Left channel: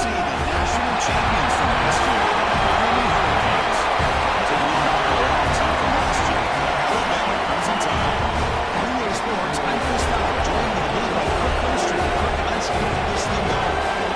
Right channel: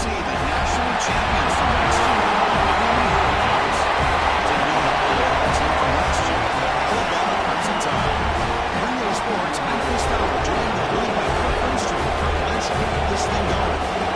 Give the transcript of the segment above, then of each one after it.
see the national champions from last year, the Miami Hurricanes, taking on the playoff team from last year, the Alabama Crimson Tide. NBA Sports, I'm Chris Fowler, joined in the booth by Kirk Street. Kirk, let's get this thing going.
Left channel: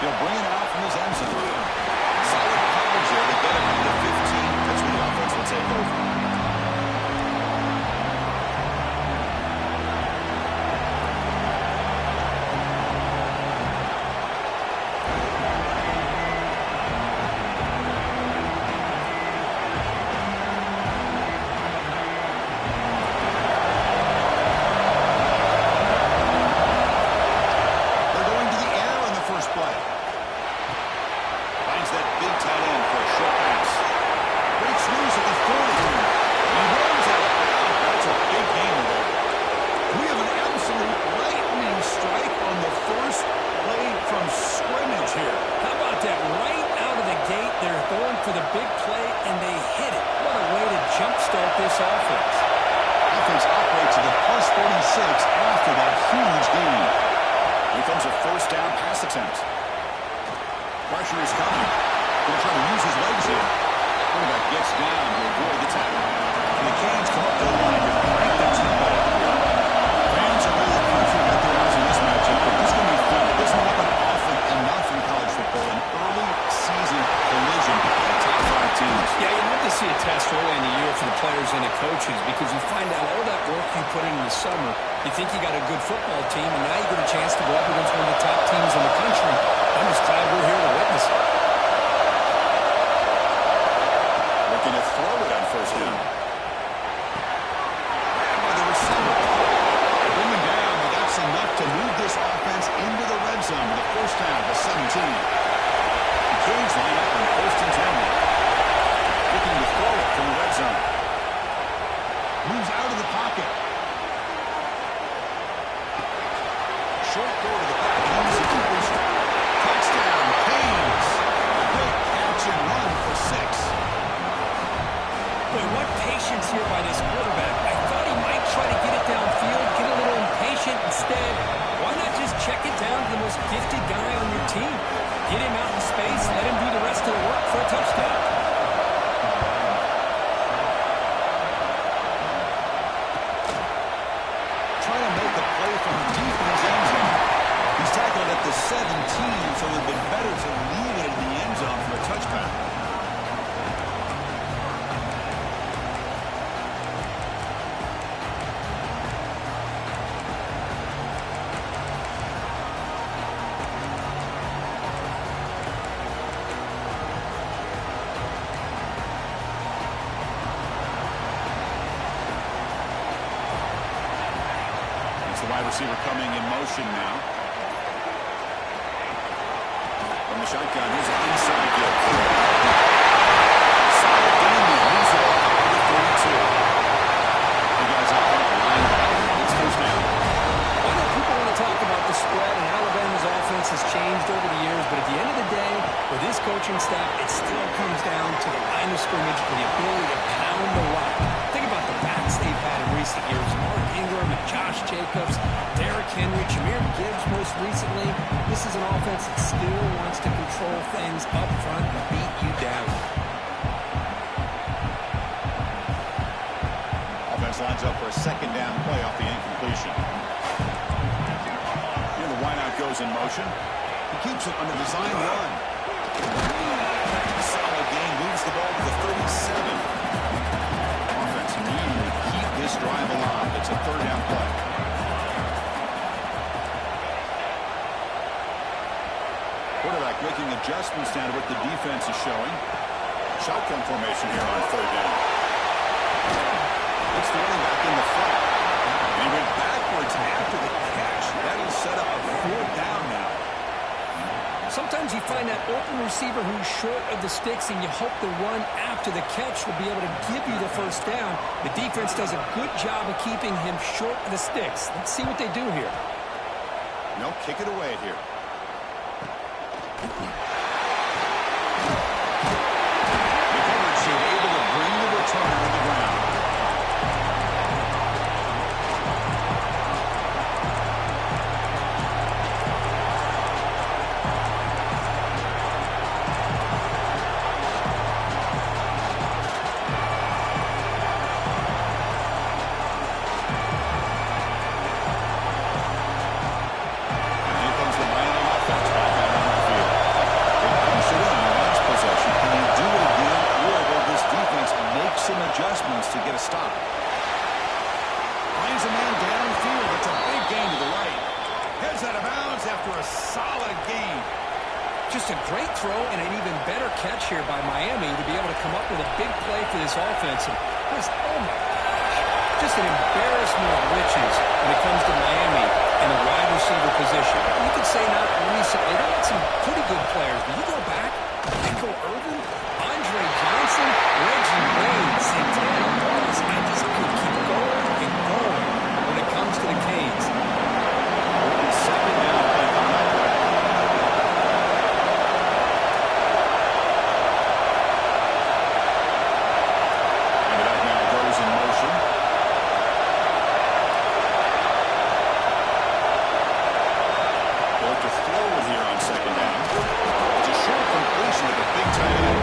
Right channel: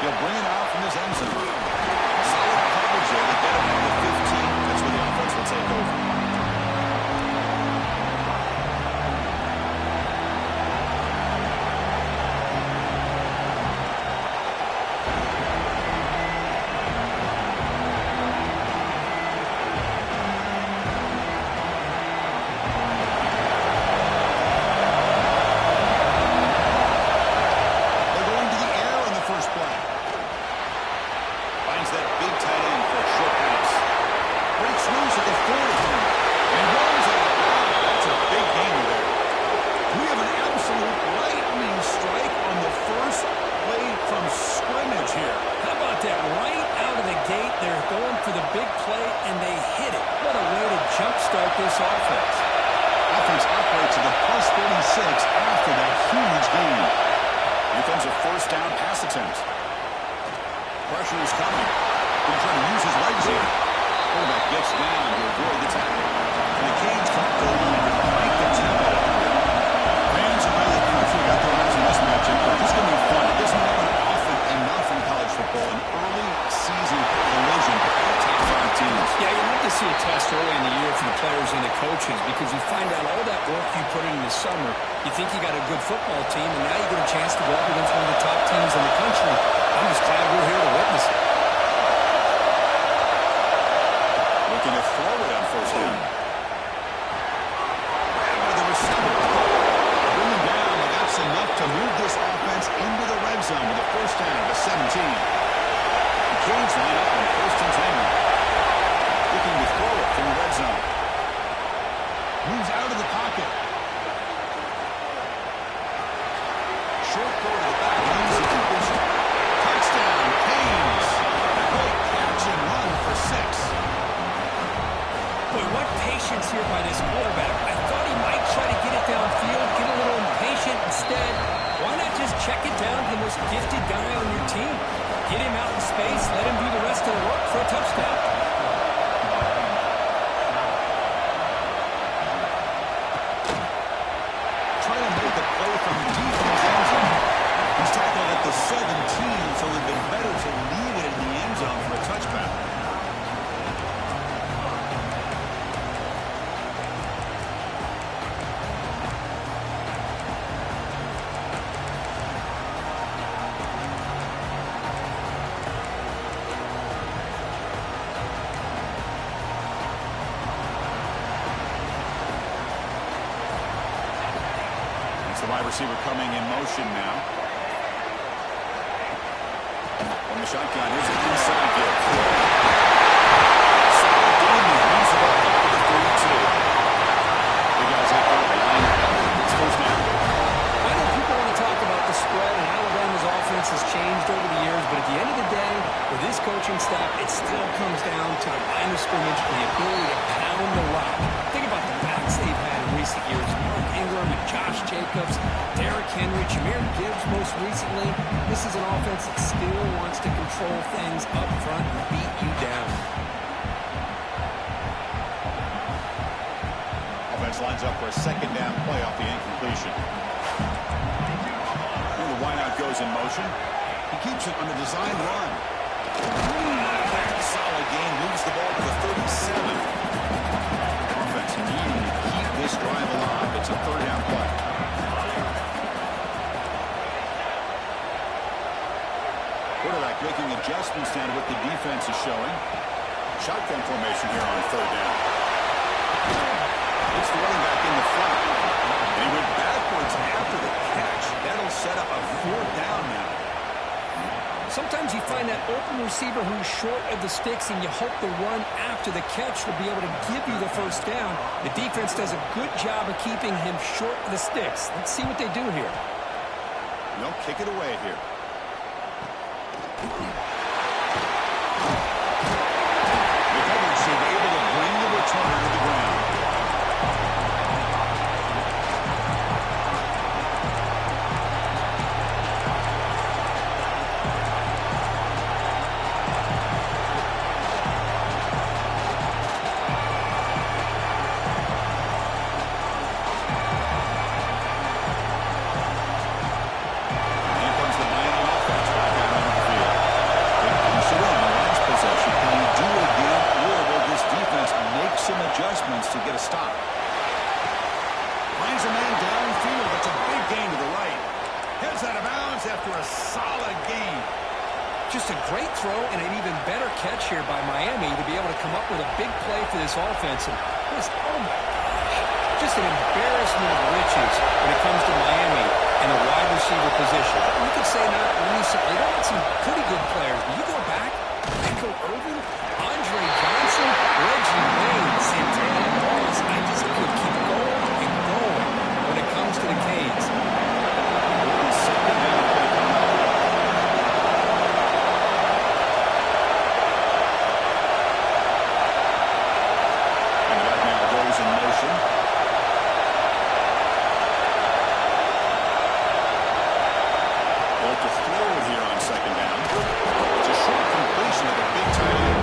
He'll bring it out from his end zone. Solid coverage there to get him into the 15. That's where the offense will take over. Finds that big tight end for a short pass. Breaks loose at the 40. And runs out of bounds. That's a big gain there. We have an absolute lightning strike on the first play from scrimmage here. How about that? Right out of the gate, they're going for the big play, and they hit it. What a way to jumpstart this offense. Offense operates at the plus 46 after that huge gain. Here comes a first down pass attempt. Pressure is coming. Going to try to use his legs here. Quarterback gets down to avoid the tackle. And the Canes come up to the line to crank the tempo up here. Fans around the country got their eyes on this matchup, but this is going to be fun. It doesn't happen often enough in college football. An early season collision of top 5 teams. Yeah, you love to see a test early in the year for the players and the coaches because you find out all that work you put in the summer. You think you got a good football team, and now you get a chance to go up against one of the top teams in the country. I'm just glad we're here to witness it. Looking to throw it on first down. Grabbed by the receiver. They bring him down, but that's enough to move this offense into the red zone with a first down to 17. The Canes line up on first and 10 now. Looking to throw it from the red zone. Moves out of the pocket. Short throw to the back. Easy completion. Touchdown, Canes. A great catch and run for 6. Boy, what patience here by this quarterback. I thought he might try to get it downfield, get a little impatient. Instead, why not just check it down to the most gifted guy on your team? Get him out in space, let him do the rest of the work for a touchdown. Trying to make a play from deep in his end zone. He's tackled at the 17, so it would have been better to leave it in the end zone for a touchback. The wide receiver coming in motion now. From the shotgun, here's an inside give. Solid game, he moves the ball up to the 42. The guys up front line up. It's first down. I know people want to talk about the spread, and Alabama's offense has changed over the years, but at the end of the day, with this coaching staff, it still comes down to the line of scrimmage and the ability to pound the rock. Think about the backs they've had in recent years. Mark Ingram and Josh Jacobs, Derrick Henry, Jahmyr Gibbs most recently. This is an offense that still wants to control things up front and beat you down. Offense lines up for a second down play off the incompletion. Here the wideout goes in motion. He keeps it on the design run. Solid gain, moves the ball to the 37. Offense needing to keep this drive alive. It's a third down play. Quarterback making adjustments now to what the defense is showing. Shotgun formation here on third down. It's the running back in the flat. And he went backwards after the catch. That'll set up a fourth down now. Sometimes you find that open receiver who's short of the sticks, and you hope the run after the catch will be able to give you the first down. The defense does a good job of keeping him short of the sticks. Let's see what they do here. They'll kick it away here. The coverage team able to bring the returner to the ground. Some adjustments to get a stop. Finds a man downfield. That's a big gain to the right. Heads out of bounds after a solid gain. Just a great throw and an even better catch here by Miami to be able to come up with a big play for this offense. And this, oh my gosh, just an embarrassment of riches when it comes to Miami and the wide receiver position. You could say not recently. They had some pretty good players, but you go back, Michael Irvin, Andre Johnson, Reggie Wayne, Santana Morris. I just could keep going and going when it comes to the Canes. Second down play coming up. And the back now goes in motion. Built to throw it here on second down. It's a short completion of the big tight end.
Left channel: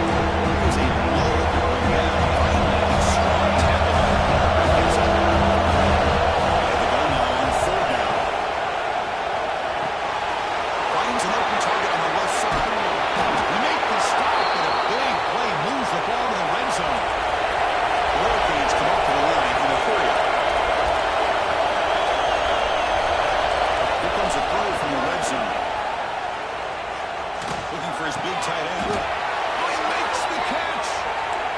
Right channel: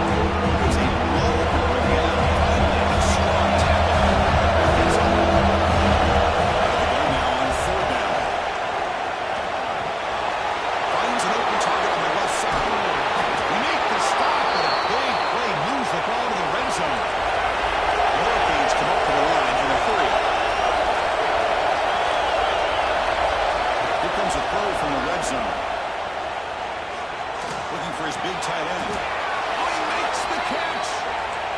It was a blow to bring down. Finally, a strong tackle by the quarterback gets up. Out of the gun now on third down. Finds an open target on the left side. We make the stop, but a big play moves the ball to the red zone. The Hurricanes come up to the line in a hurry up. Here comes a throw from the red zone. Looking for his big tight end. Oh, he makes the catch.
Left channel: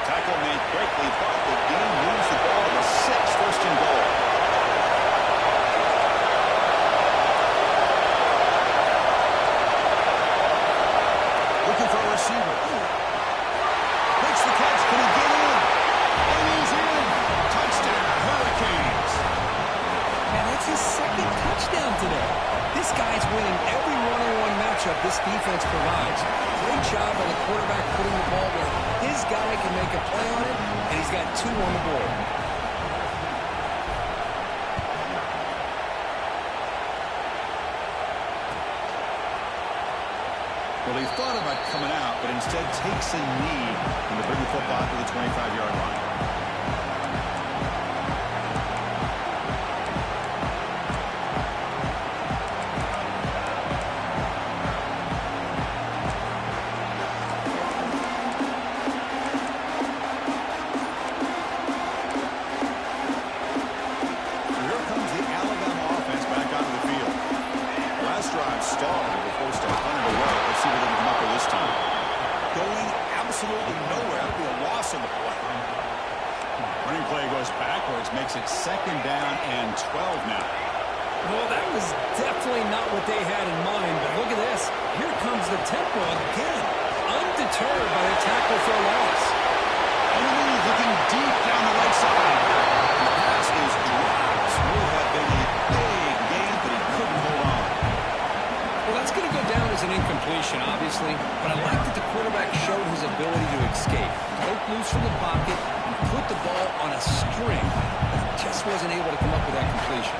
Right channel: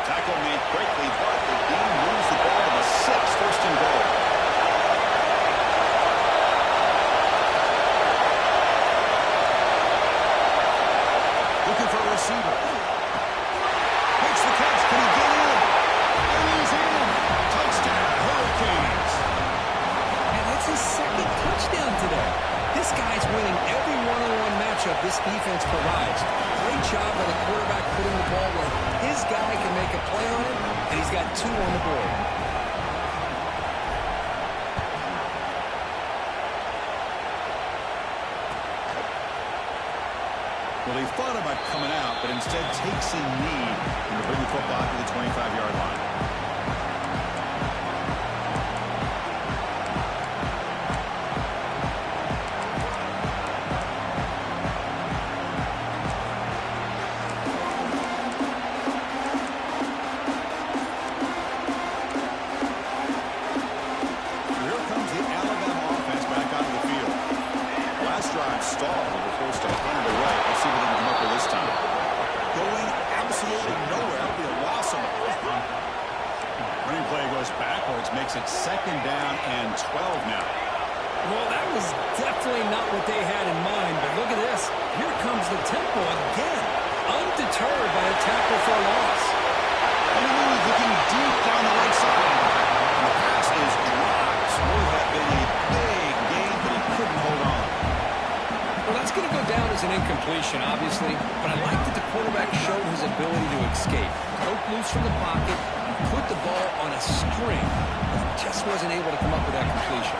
Tackle made quickly, but the game moves the ball to the 6, first and goal. Looking for a receiver. Makes the catch. Can he get in? And he's in. Touchdown, Hurricanes. Man, that's his second touchdown today. This guy's winning every one-on-one matchup this defense provides. Great job by the quarterback putting the ball where his guy can make a play on it, and he's got 2 on the board. Well, he thought about coming out, but instead takes a knee and to bring the football to the 25-yard line. Stalled. They were forced to punt it away. Let's see what they can come up with this time. Going absolutely nowhere. That'll be a loss on the play. Running play goes backwards, makes it second down and 12 now. Well, that was definitely not what they had in mind, but look at this. Here comes the tempo again. Undeterred by the tackle for a loss. On the move, looking deep down the right side. And the pass is dropped. Would have been a big gain, but he couldn't hold on. Well, that's going to go down as an incompletion, obviously, but I like that the quarterback showed his ability to escape. Broke loose from the pocket and put the ball on a string, but just wasn't able to come up with that completion.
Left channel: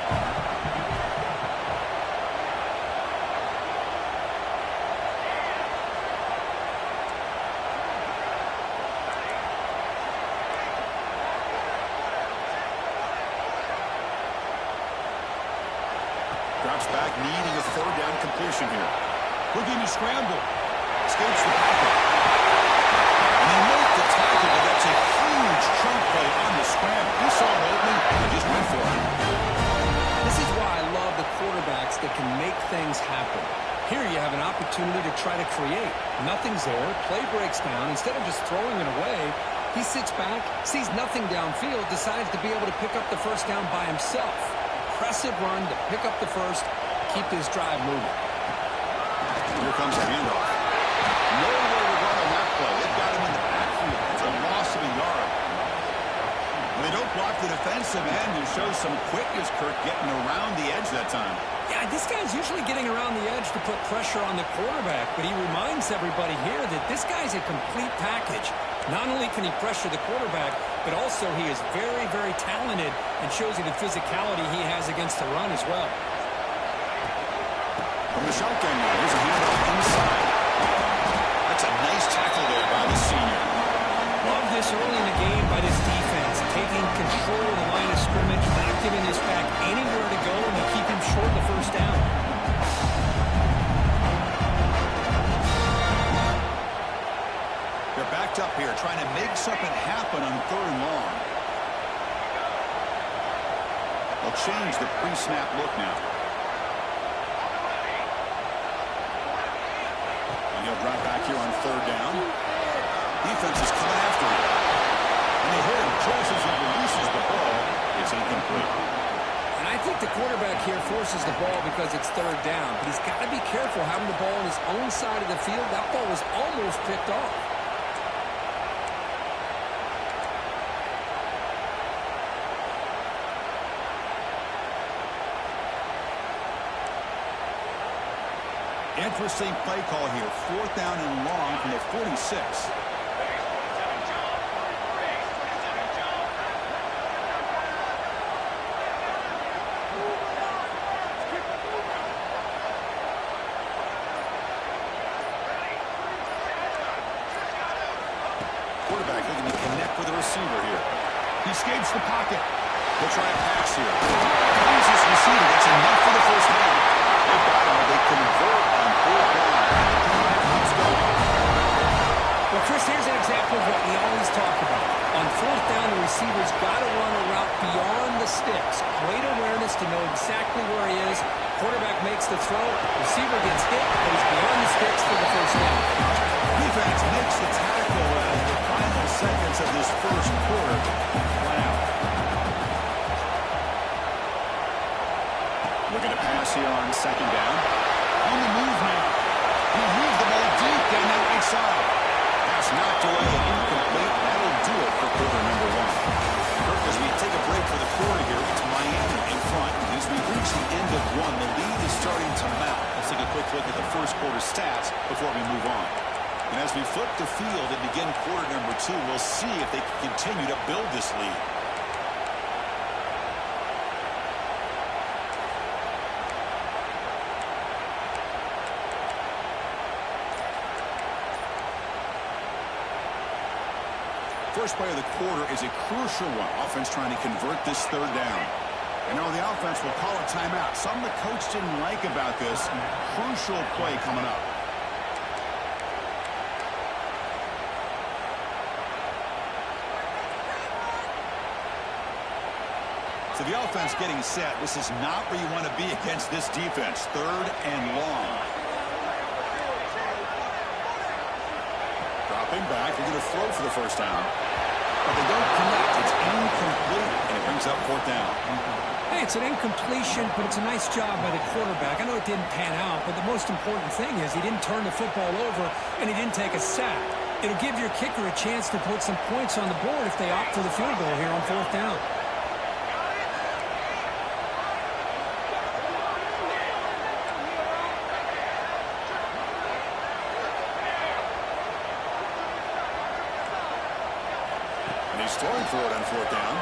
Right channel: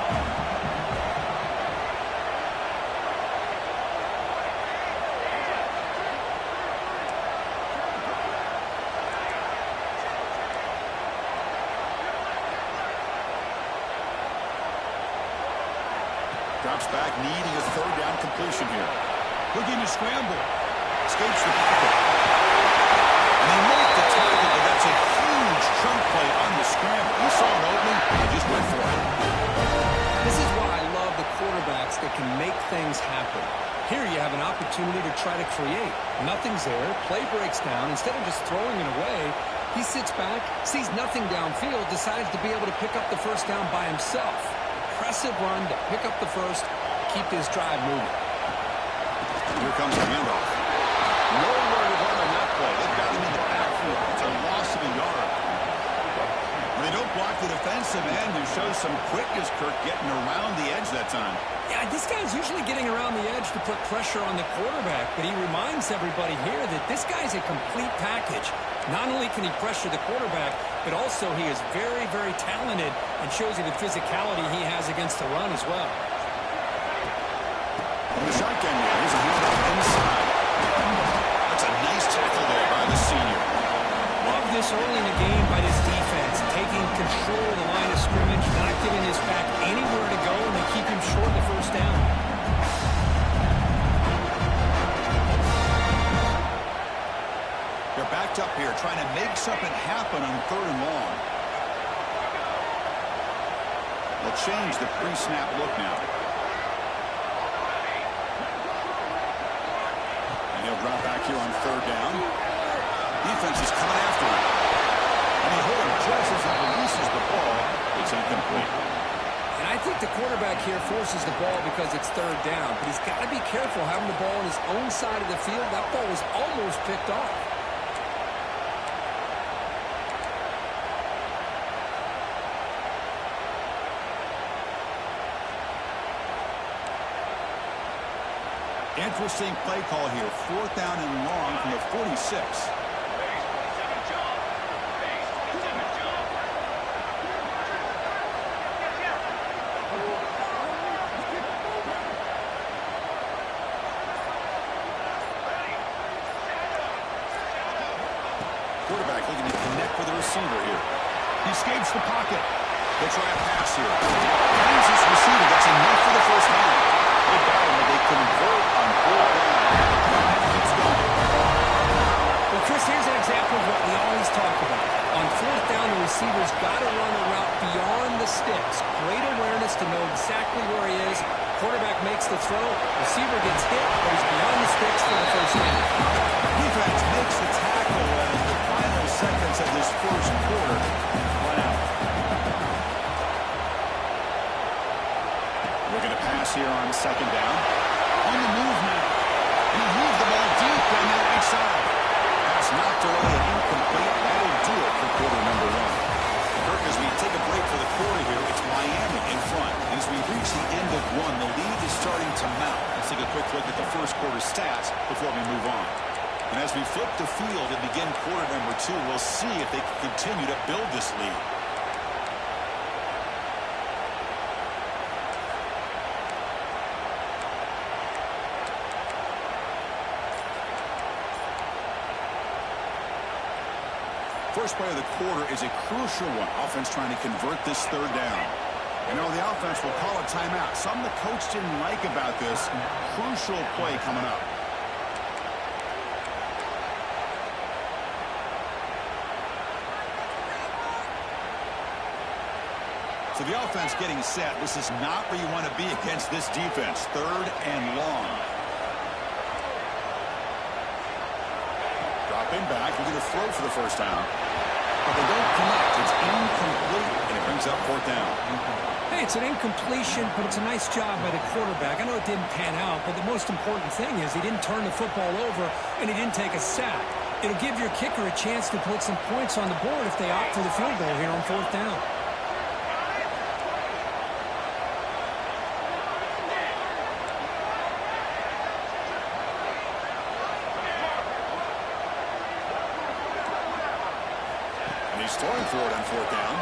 Drops back, needing a third down completion here. Looking to scramble. Escapes the pocket. And they make the tackle, but that's a huge chunk play on the scramble. He saw an opening and just went for it. This is why I love the quarterbacks that can make things happen. Here you have an opportunity to try to create. Nothing's there. Play breaks down. Instead of just throwing it away, he sits back, sees nothing downfield, decides to be able to pick up the first down by himself. Impressive run to pick up the first, keep this drive moving. Here comes the handoff. Nowhere to run on that play. They've got him in the backfield. It's a loss of a yard. When they don't block the defensive end, it shows some quickness, Kirk, getting around the edge that time. Yeah, this guy's usually getting around the edge to put pressure on the quarterback, but he reminds everybody here that this guy's a complete package. Not only can he pressure the quarterback, but also he is very, very talented and shows you the physicality he has against the run as well. From the shotgun now, here's a handoff inside. That's a nice tackle there by the senior. Love this early in the game by this defense, taking control of the line of scrimmage, not giving this back anywhere to go, and they keep him short of the first down. They're backed up here, trying to make something happen on 3rd and long. They'll change the pre-snap look now. And he'll drop back here on 3rd down. Defense is coming after him. And they hit him just as he releases the ball. It's incomplete. And I think the quarterback here forces the ball because it's 3rd down. But he's got to be careful having the ball on his own side of the field. That ball was almost picked off. Interesting play call here. 4th down and long from the 46. Quarterback looking to connect with the receiver here. He escapes the pocket. He'll try a pass here. Finds his receiver. That's enough for the first down. They got him, but they convert on 4th down. The drive keeps going. Well, Chris, here's an example of what we always talk about. On 4th down, the receiver's got to run a route beyond the sticks. Great awareness to know exactly where he is. Quarterback makes the throw. Receiver gets hit, but he's beyond the sticks for the first down. Defense makes the tackle as the final seconds of this first quarter run out. Looking to pass here on 2nd down. On the move now. He moves the ball deep down that right side. Pass knocked away and incomplete. That'll do it for quarter number 1. Kirk, as we take a break for the quarter here, it's Miami in front. And as we reach the end of 1, the lead is starting to mount. Let's take a quick look at the first quarter stats before we move on. And as we flip the field and begin quarter number 2, we'll see if they can continue to build this lead. First play of the quarter is a crucial one. Offense trying to convert this 3rd down. And now the offense will call a timeout. Something the coach didn't like about this. Crucial play coming up. So the offense getting set. This is not where you want to be against this defense. 3rd and long. Dropping back. They're going to throw for the first down. But they don't connect. It's incomplete, and it brings up 4th down. Hey, it's an incompletion, but it's a nice job by the quarterback. I know it didn't pan out, but the most important thing is he didn't turn the football over, and he didn't take a sack. It'll give your kicker a chance to put some points on the board if they opt for the field goal here on 4th down. And he's throwing for it on 4th down.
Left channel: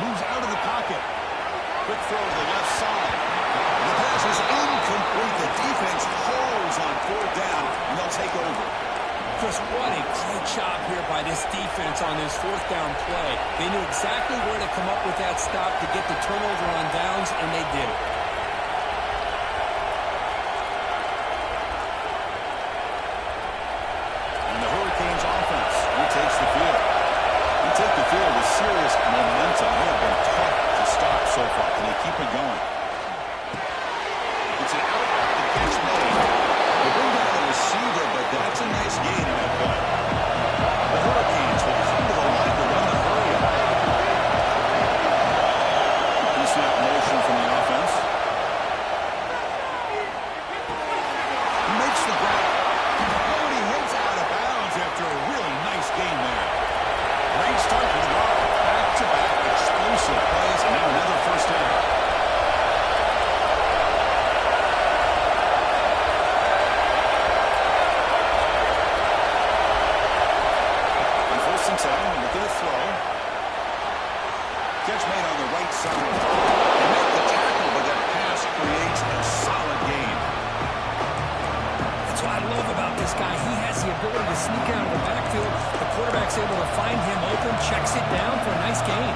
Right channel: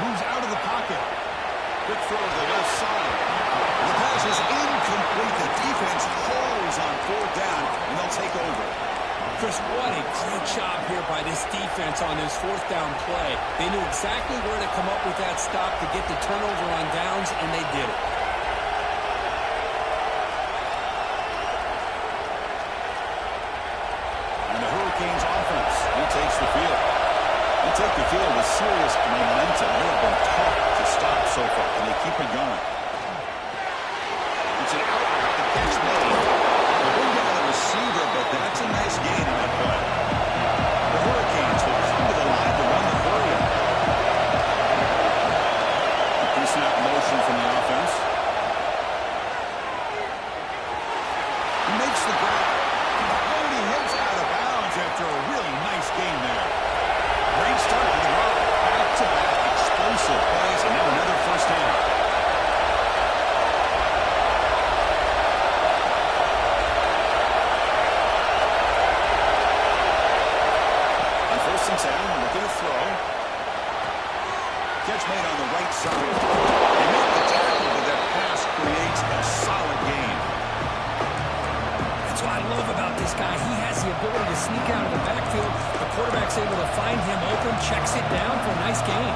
Moves out of the pocket. Quick throw to the left side. The pass is incomplete. The defense holds on 4th down, and they'll take over. Chris, what a great job here by this defense on this 4th down play. They knew exactly where to come up with that stop to get the turnover on downs, and they did it. And the Hurricanes offense retakes the field. They take the field with serious momentum. They have been tough to stop so far. Can they keep it going? It's an out route. The catch made. They bring down the receiver, but that's a nice gain in that play. The Hurricanes will come to the line to run the hurry-up. Pre-snap motion from the offense. He makes great start for the drive. Back-to-back explosive plays, and now another first down. On 1st and 10, looking to throw. Catch made on the right side. They make the tackle, but that pass creates a solid gain. That's what I love about this guy. He has the ability to sneak out of the backfield. The quarterback's able to find him open, checks it down for a nice gain.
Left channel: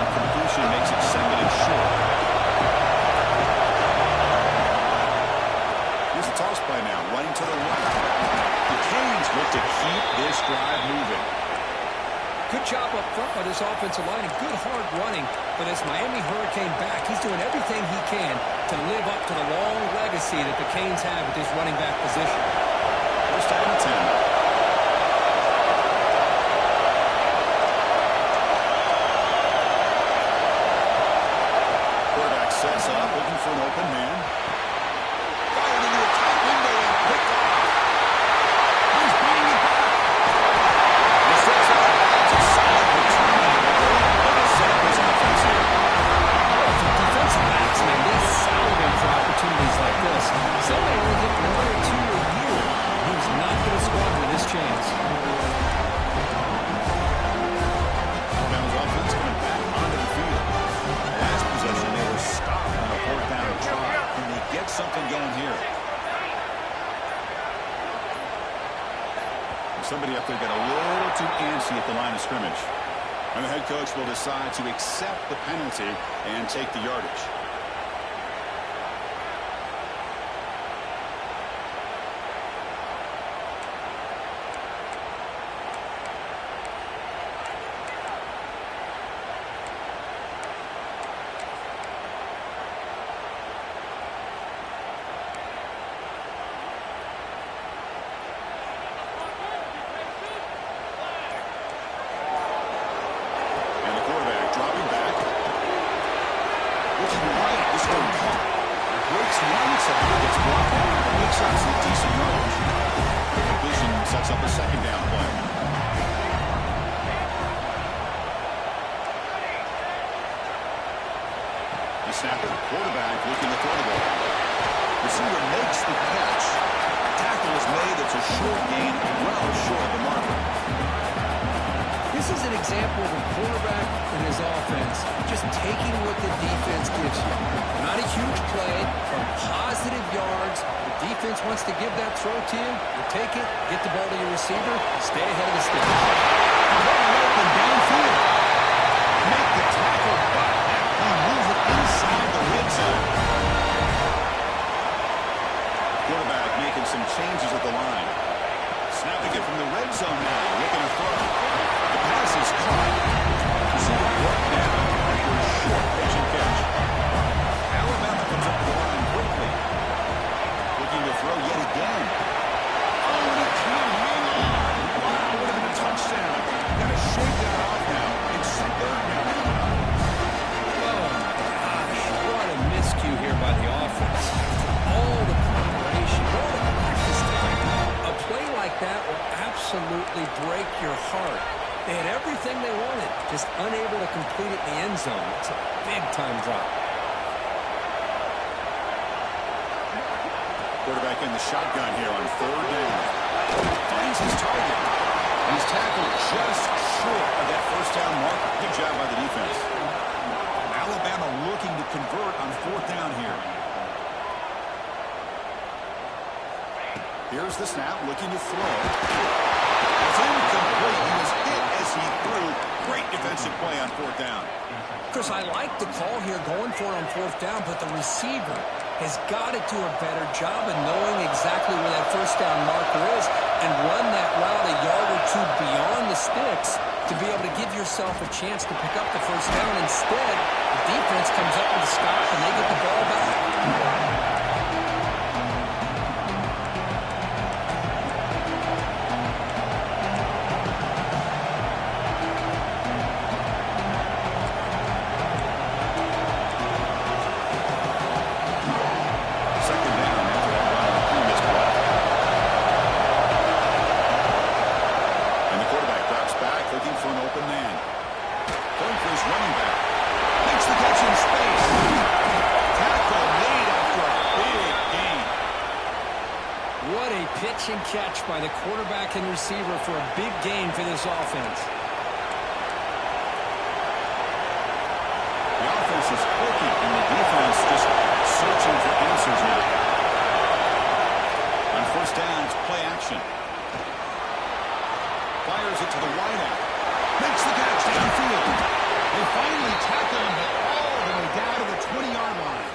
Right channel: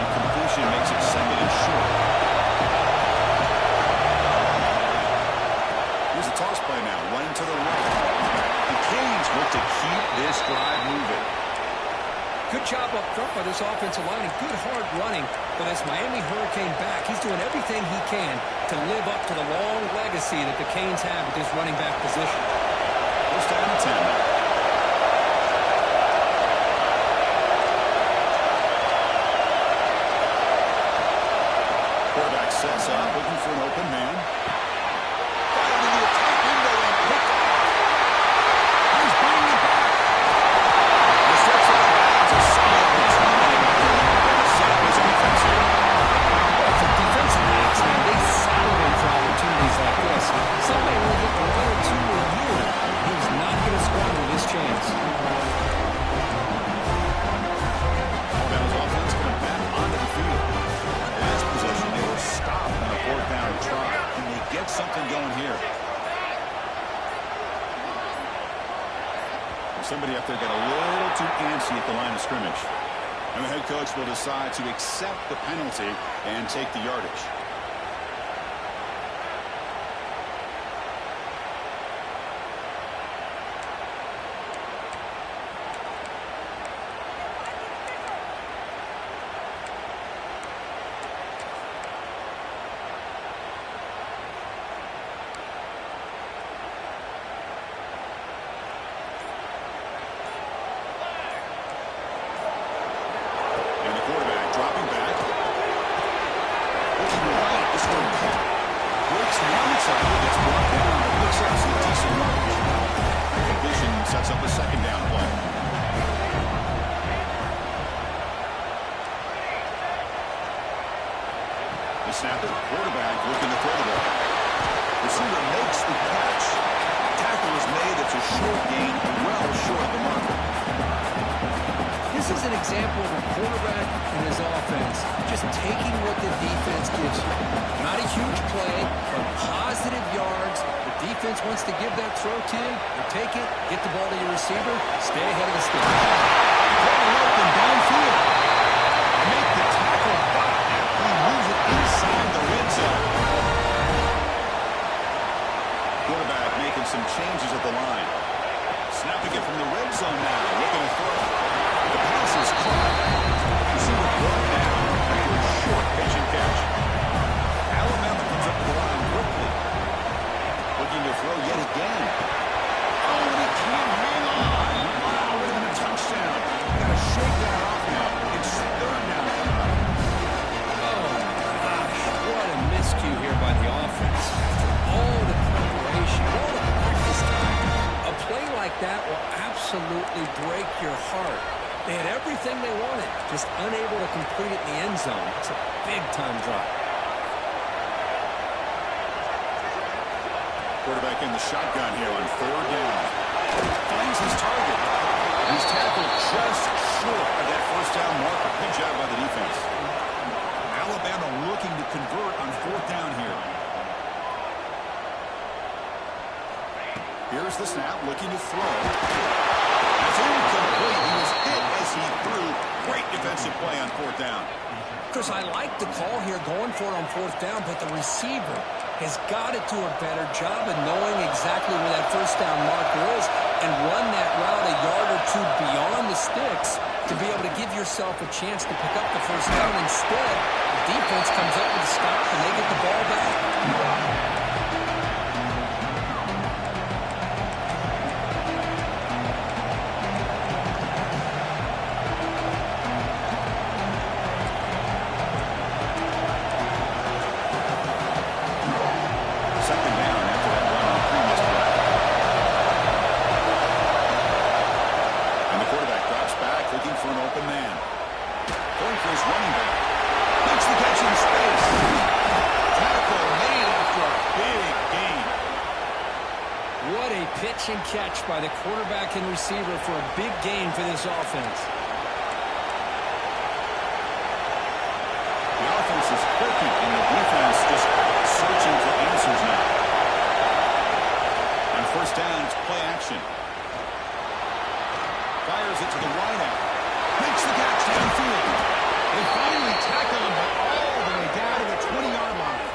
A completion makes it 2nd and short. Here's the toss play now, running to the right. The Canes look to keep this drive moving. Good job up front by this offensive line and good hard running for this Miami Hurricane back. He's doing everything he can to live up to the long legacy that the Canes have at this running back position. 1st down and 10. Quarterback sets up, looking for an open man. Fired into a tight window and picked off. He's bringing it back. The steps out of bounds, a solid return and a great way to set up his offense here. Well, for defensive backs, man, they salivate for opportunities like this. Some may only get 1 or 2 a year. He was not going to squander this chance. Alabama's offense coming back onto the field. Last possession, they were stopped on a 4th down try. Can they get something going here? Somebody up there got a little too antsy at the line of scrimmage. And the head coach will decide to accept the penalty and take the yardage. Dropping back. Looking right. This one caught. Breaks one tackle, gets brought down, but picks up some decent yardage. The completion sets up a 2nd down play. The snapper, quarterback looking to throw the ball. Receiver makes the catch. Tackle is made. It's a short gain, well short of the marker. This is an example of a quarterback and his offense just taking what the defense gives you. Not a huge play, but positive yards. The defense wants to give that throw to you. You take it, get the ball to your receiver, stay ahead of the sticks. Wide open downfield. Make the tackle, but actually moves it inside the red zone. Quarterback making some changes at the line. Snapping it from the red zone now, looking to throw. The pass is caught. Receiver brought down after a short patient catch. Alabama comes up to the line quickly. Looking to throw yet again. Oh, and he can't hang on. Wow, would have been a touchdown. Got to shake that off now. It's 3rd down coming up. Oh, gosh, what a miscue here by the offense. After all the preparation, all the practice time, a play like that will absolutely break your heart. They had everything they wanted, just unable to complete it in the end zone. It's a big-time drop. Quarterback in the shotgun here on 3rd down. Finds his target. He's tackled just short of that 1st down marker. Good job by the defense. Alabama looking to convert on 4th down here. Here's the snap, looking to throw. It's incomplete. He was hit as he threw. Great defensive play on 4th down. Chris, I like the call here going for it on 4th down, but the receiver has got to do a better job of knowing exactly where that 1st down marker is and run that route a yard or 2 beyond the sticks to be able to give yourself a chance to pick up the 1st down. Instead, the defense comes up with a stop and they get the ball back. looking for an open man. Going for his running back. Makes the catch in space. Tackle made after a big gain. What a pitch and catch by the quarterback and receiver for a big gain for this offense. The offense is clicking, and the defense just searching for answers now. On first down, it's play action. Fires it to the wideout. Makes the catch downfield. They finally tackle him, but all the way down to the 20-yard line.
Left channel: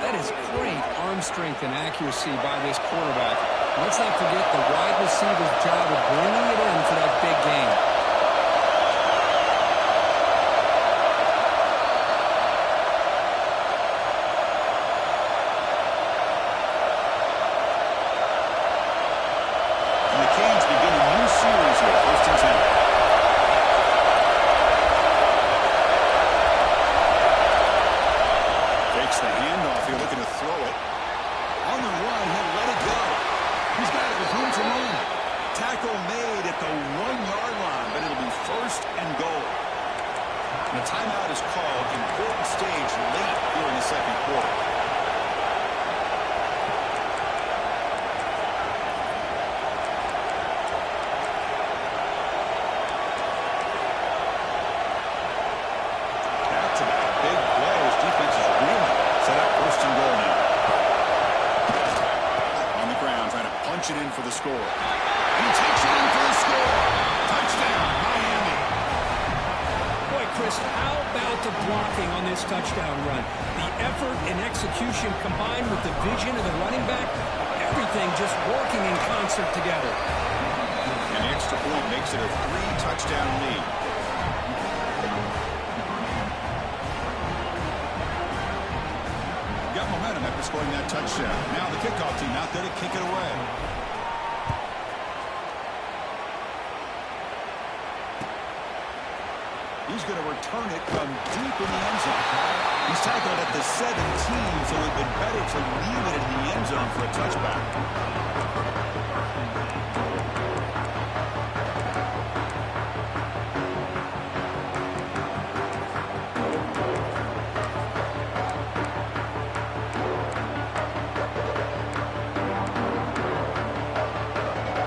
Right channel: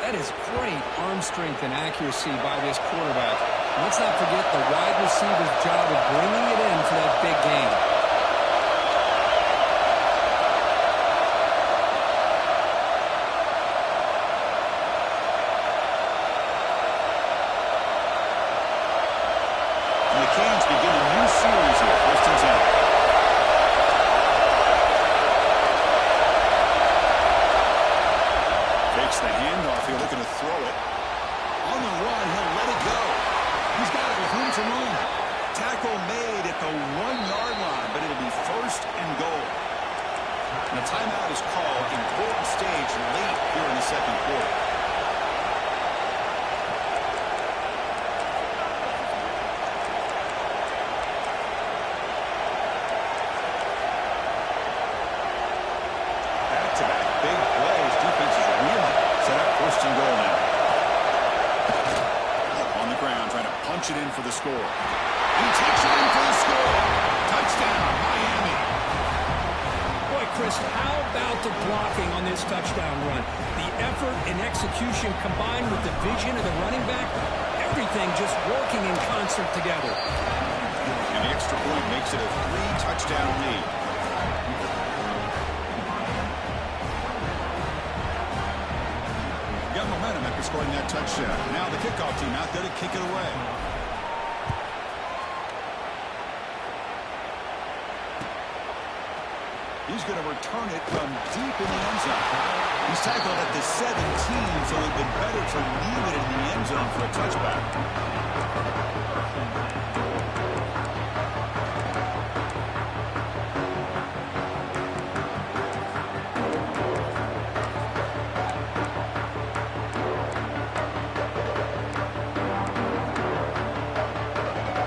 That is great arm strength and accuracy by this quarterback. Let's not forget the wide receiver's job of bringing it in for that big gain. And the Canes begin a new series here, 1st and 10. Fakes the handoff here, looking to throw it. On the run, he'll let it go. He's got it with room to run. Tackle made at the 1-yard line, but it'll be 1st and goal. And a timeout is called. Important stage late here in the 2nd quarter. Back-to-back big plays. Defense is reeling. Set up 1st and goal now. On the ground, trying to punch it in for the score. And he takes it in for the score. Touchdown, Miami. Boy, Chris, how about the blocking on this touchdown run? The effort and execution combined with the vision of the running back, everything just working in concert together. And the extra point makes it a 3-touchdown lead. Got momentum after scoring that touchdown. Now the kickoff team out there to kick it away. He's going to return it from deep in the end zone. He's tackled at the 17, so it would have been better to leave it in the end zone for a touchback.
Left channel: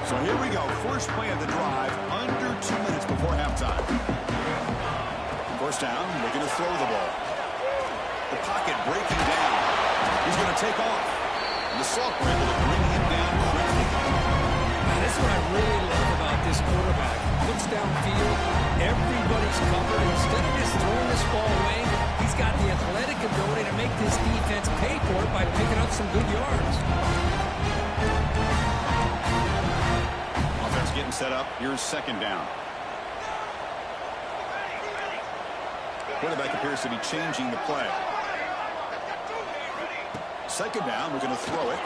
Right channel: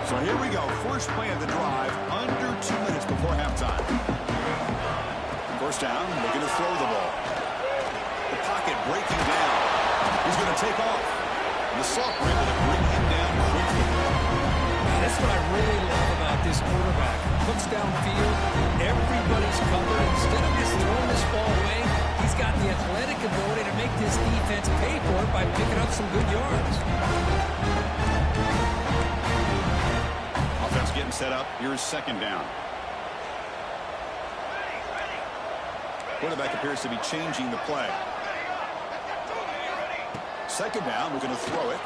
So here we go. First play of the drive, under 2 minutes before halftime. First down, looking to throw the ball. The pocket breaking down. He's going to take off. And the Salk were able to bring him down quickly. That's what I really love about this quarterback. Looks downfield, everybody's covered. Instead of just throwing this ball away, he's got the athletic ability to make this defense pay for it by picking up some good yards. Offense getting set up. Here's 2nd down. Quarterback appears to be changing the play. 2nd down, we're going to throw it.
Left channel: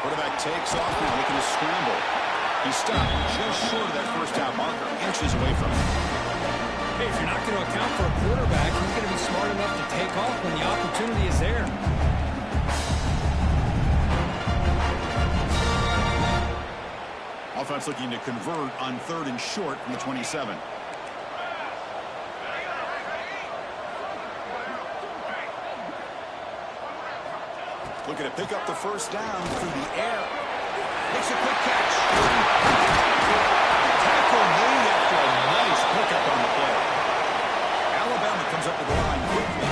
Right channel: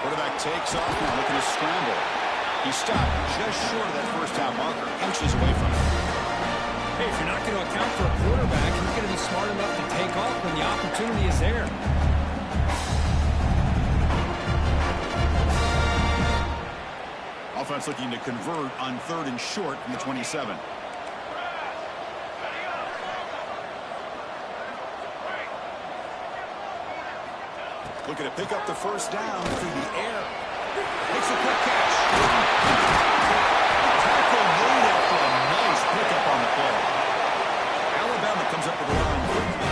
Quarterback takes off now, looking to scramble. He stopped just short of that 1st down marker, inches away from it. Hey, if you're not going to account for a quarterback, he's going to be smart enough to take off when the opportunity is there. Offense looking to convert on 3rd and short from the 27. Looking to pick up the 1st down through the air. Makes a quick catch. Tackle made after a nice pickup on the play. Alabama comes up to the line quickly.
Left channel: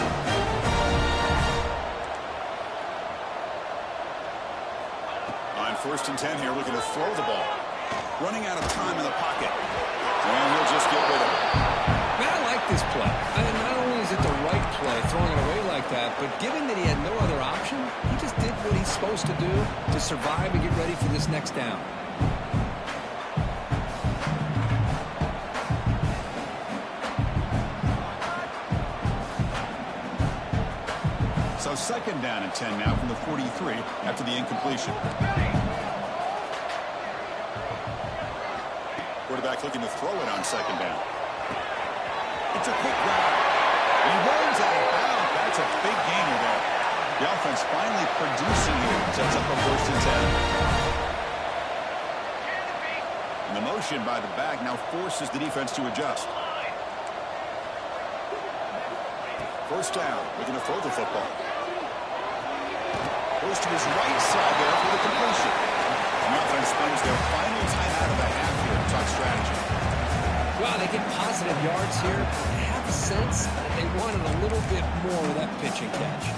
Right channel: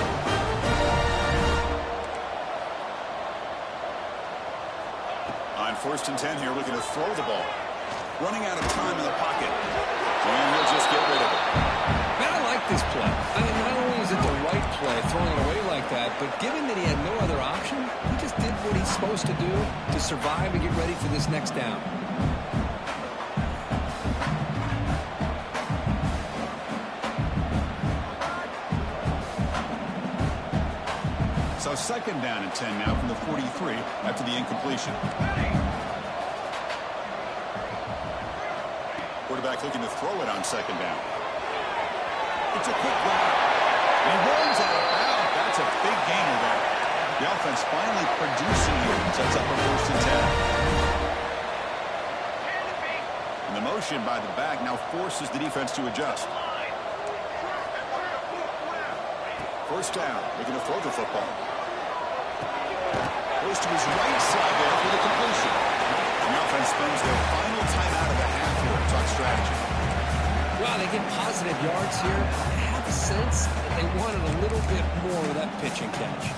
On 1st and 10 here, looking to throw the ball. Running out of time in the pocket. And he'll just get rid of it. Man, I like this play. I mean, not only is it the right play, throwing it away like that, but given that he had no other option, he just did what he's supposed to do to survive and get ready for this next down. So 2nd down and 10 now from the 43 after the incompletion. Quarterback looking to throw it on 2nd down. It's a quick route. And he runs out of bounds. That's a big gainer there. The offense finally producing here. Sets up a 1st and 10. And the motion by the back now forces the defense to adjust. First down, looking to throw the football. Goes to his right side there for the completion. And the offense spends their final timeout of the half here to talk strategy. Well, they get positive yards here. I have a sense that they wanted a little bit more of that pitch and catch.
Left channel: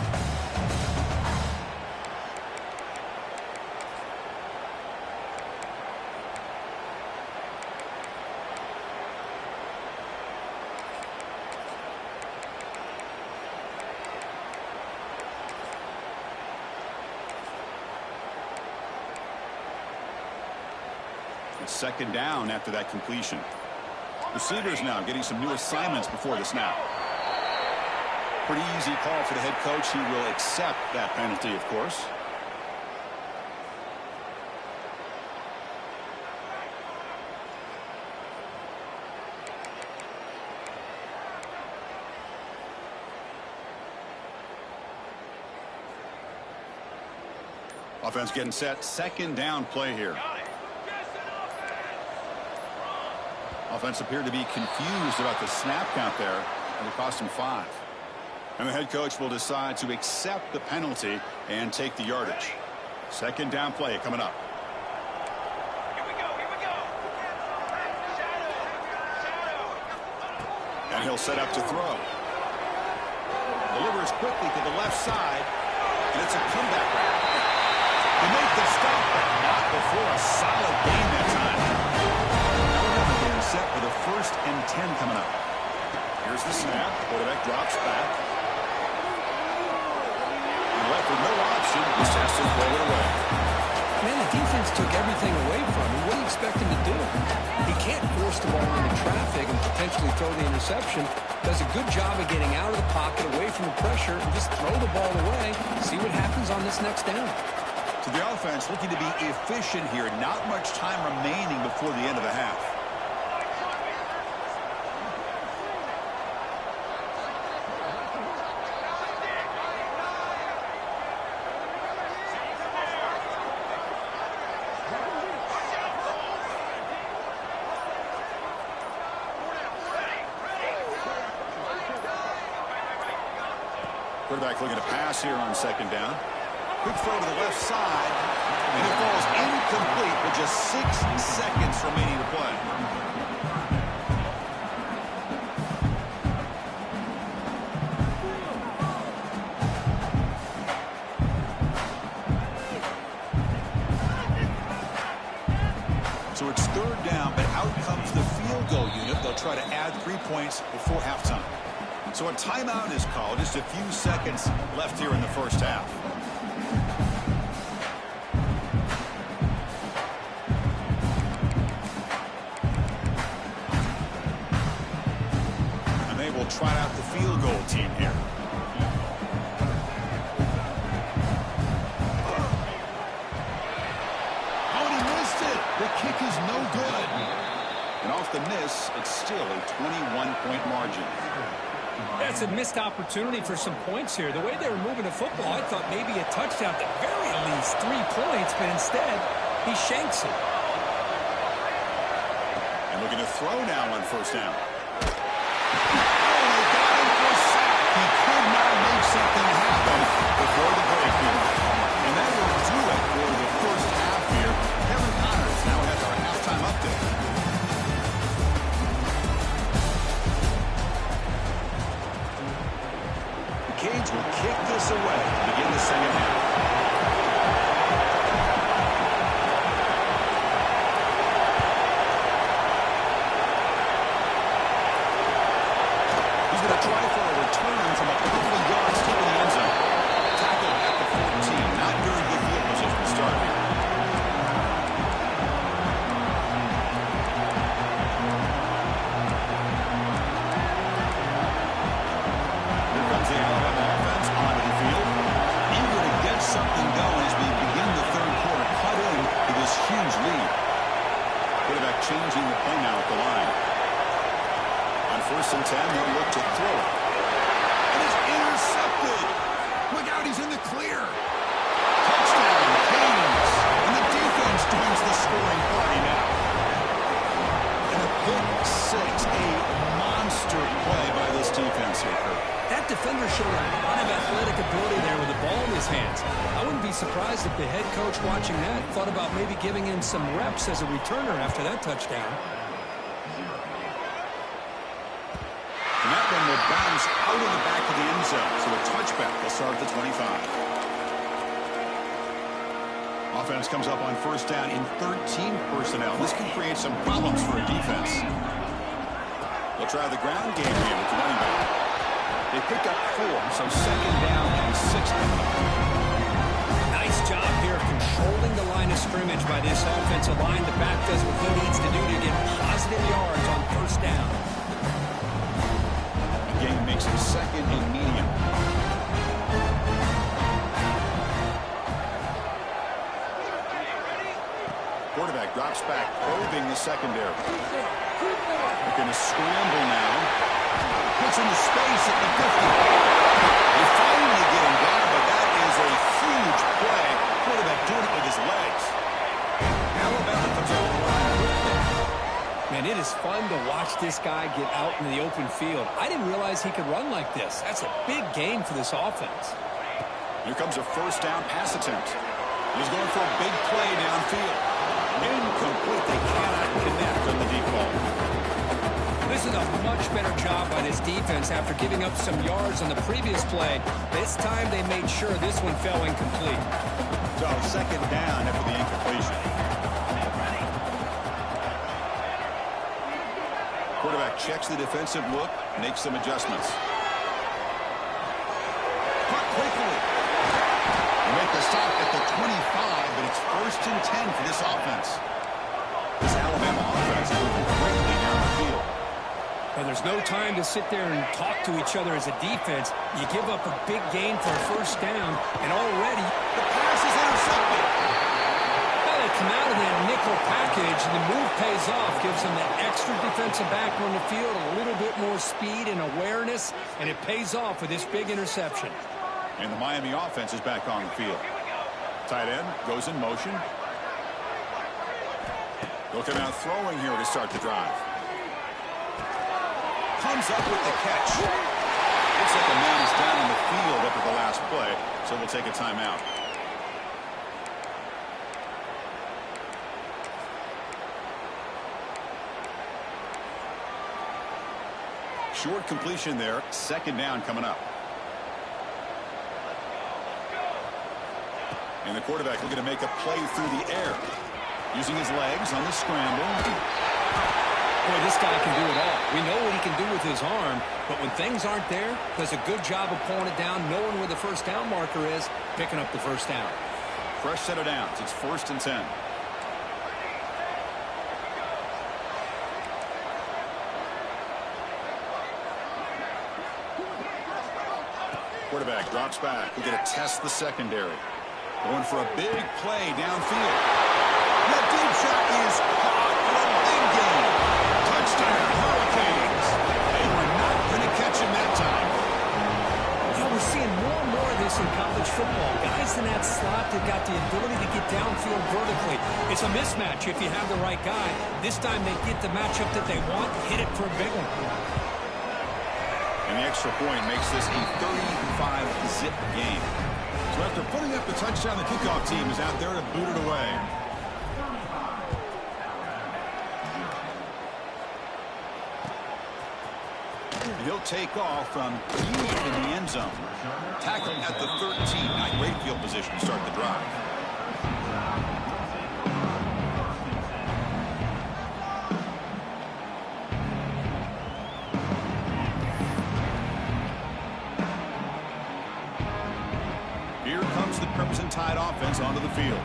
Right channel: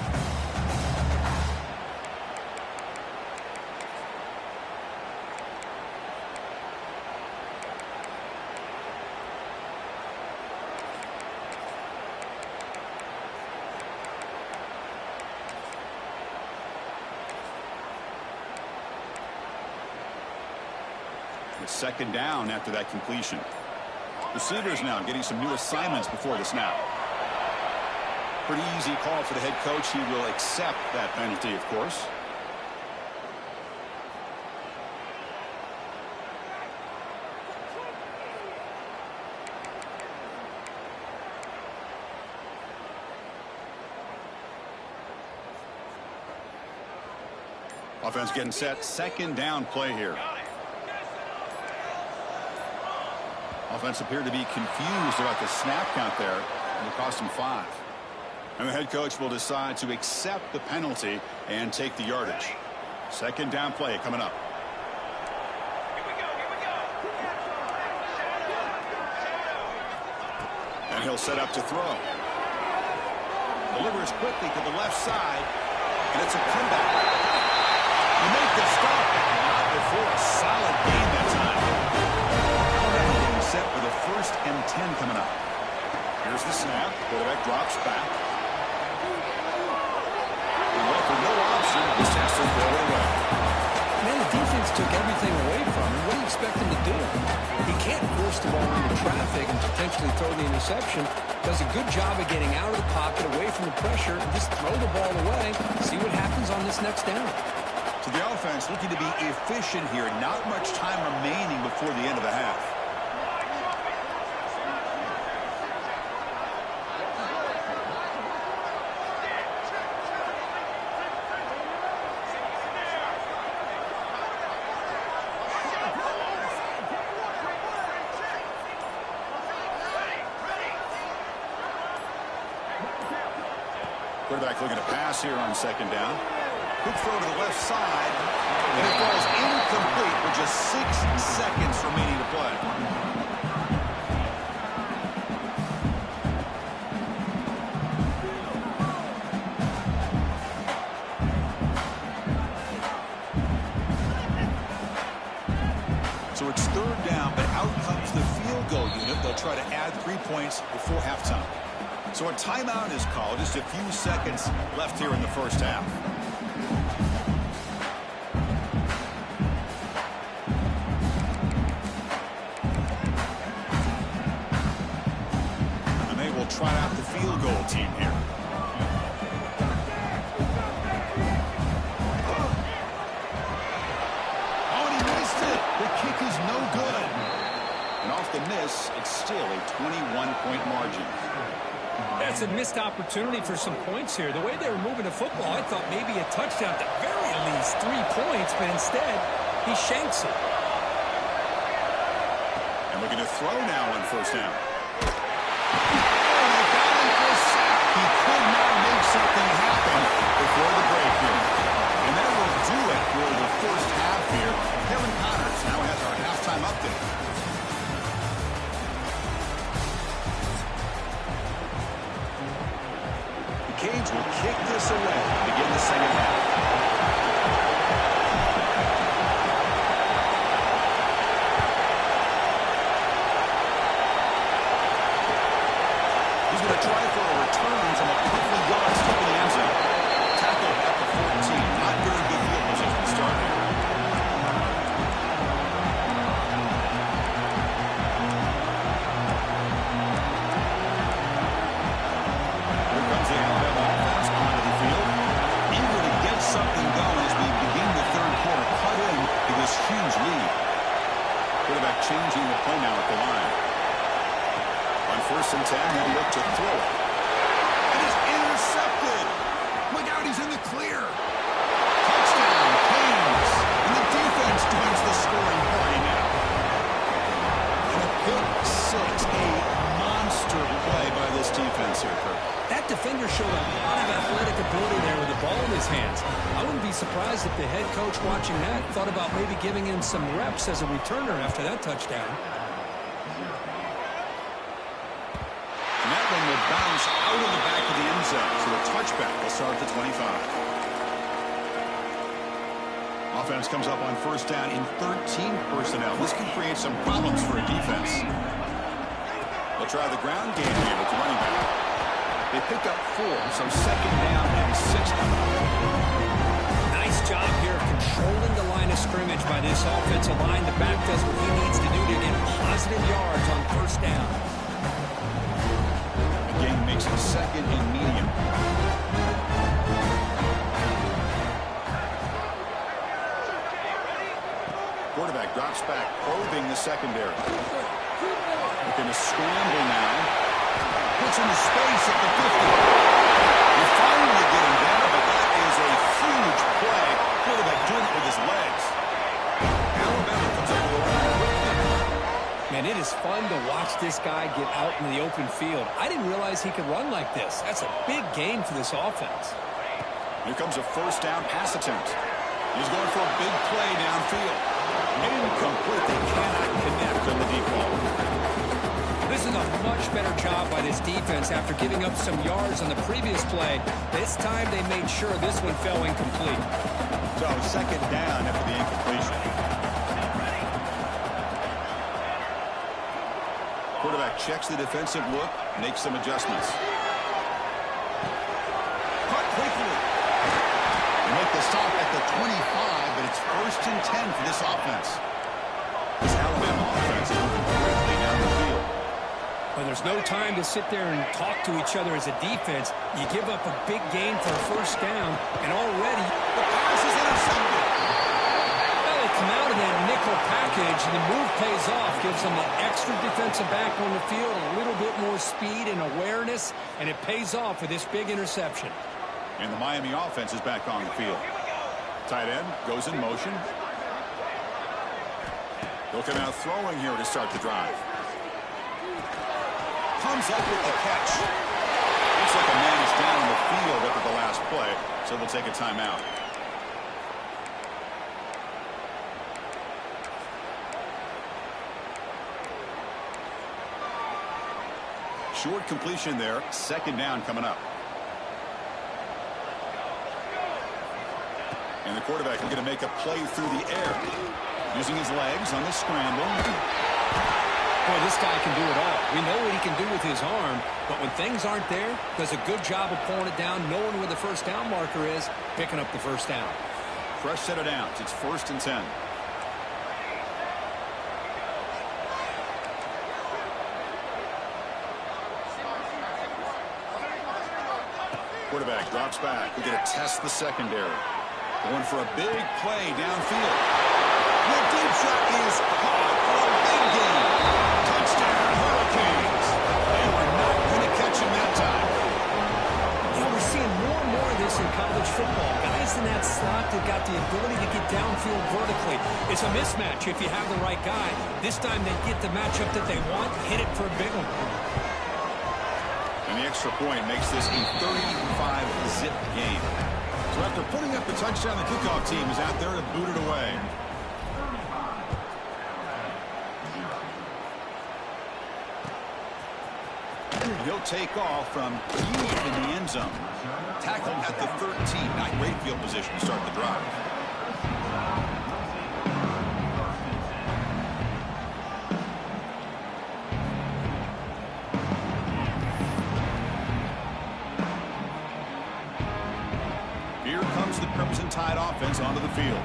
It's second down after that completion. Receivers now getting some new assignments before the snap. Pretty easy call for the head coach. He will accept that penalty, of course. Offense getting set. Second down play here. Offense appeared to be confused about the snap count there. It'll cost him 5. And the head coach will decide to accept the penalty and take the yardage. Second down play coming up. Here we go. Shadow. And he'll set up to throw. Delivers quickly to the left side. And it's a comeback route. They make the stop, but not before a solid gain that time. Set with a 1st and 10 coming up. Here's the snap. Quarterback drops back. And left with no option. Just has to throw it away. Man, the defense took everything away from him. What do you expect him to do? He can't force the ball into traffic and potentially throw the interception. Does a good job of getting out of the pocket, away from the pressure, and just throw the ball away. See what happens on this next down. So the offense looking to be efficient here. Not much time remaining before the end of the half. Quarterback looking to pass here on second down. Quick throw to the left side, and it falls incomplete with just 6 seconds remaining to play. So it's third down, but out comes the field goal unit. They'll try to add 3 points before halftime. So a timeout is called. Just a few seconds left here in the first half. And they will trot out the field goal team here. Oh, and he missed it. The kick is no good. And off the miss, it's still a 21-point margin. That's a missed opportunity for some points here. The way they were moving the football, I thought maybe a touchdown, at the very least 3 points, but instead, he shanks it. And looking to throw now on first down. Oh, they got him for a sack. He could not make something happen before the break here. And that will do it for the first half here. Kevin Connors now has our halftime update. Cage will kick this away to begin the second half. He's going to try for a return from a couple of yards deep in the end zone. Tackle at the 14. Not very good field position to start here. The Alabama offense onto the field, eager to get something going as we begin the third quarter, cut in to this huge lead. Quarterback changing the play now at the line. On 1st and 10, he'll look to throw it. And it's intercepted. Look out, he's in the clear. Touchdown, Canes. And the defense joins the scoring party now. ability there with the ball in his hands. I wouldn't be surprised if the head coach watching that thought about maybe giving him some reps as a returner after that touchdown. And that one will bounce out of the back of the end zone. So a touchback will start at the 25. Offense comes up on first down in 13 personnel. This can create some problems for a defense. They'll try the ground game here with the running back. They pick up 4, so second down and 6 coming up. Nice job here of controlling the line of scrimmage by this offensive line. The back does what he needs to do to get positive yards on first down. Game makes it second and medium. Quarterback drops back, probing the secondary. Looking to scramble now. Puts into space at the 50. They finally get him down, but that is a huge play. Quarterback doing it with his legs. Alabama comes over the line quickly. Man, it is fun to watch this guy get out into the open field. I didn't realize he could run like this. That's a big gain for this offense. Here comes a first down pass attempt. He's going for a big play downfield. Incomplete. They cannot connect on the deep ball. This is a much better job by this defense after giving up some yards on the previous play. This time they made sure this one fell incomplete. So second down after the incompletion. Quarterback checks the defensive look, makes some adjustments. Caught quickly. They make the stop at the 25, but it's first and 10 for this offense. This Alabama offense is moving quickly down the field. But there's no time to sit there and talk to each other as a defense. You give up a big gain for a first down, and already the pass is intercepted. They come out of that nickel package, and the move pays off, gives them that extra defensive back on the field, a little bit more speed and awareness, and it pays off with this big interception. And the Miami offense is back on the field. Tight end goes in motion. They'll come out throwing here to start the drive. Comes up with the catch. Looks like a man is down on the field after the last play, so they'll take a timeout. Short completion there. Second down coming up. And the quarterback looking to make a play through the air. Using his legs on the scramble. Boy, this guy can do it all. We know what he can do with his arm, but when things aren't there, does a good job of pulling it down, knowing where the first down marker is, picking up the first down. Fresh set of downs. It's first and 10. Quarterback drops back. We're going to test the secondary. Going for a big play downfield. That deep shot is caught for a big gain. Touchdown, Hurricanes. They were not going to catch him that time. Yeah, we're seeing more and more of this in college football. Guys in that slot that got the ability to get downfield vertically. It's a mismatch if you have the right guy. This time they get the matchup that they want, hit it for a big one. And the extra point makes this a 35-zip game. So after putting up the touchdown, the kickoff team is out there to boot it away. And he'll take off from deep in the end zone. Tackled at the 13. Not great field position to start the drive. Here comes the Crimson Tide offense onto the field.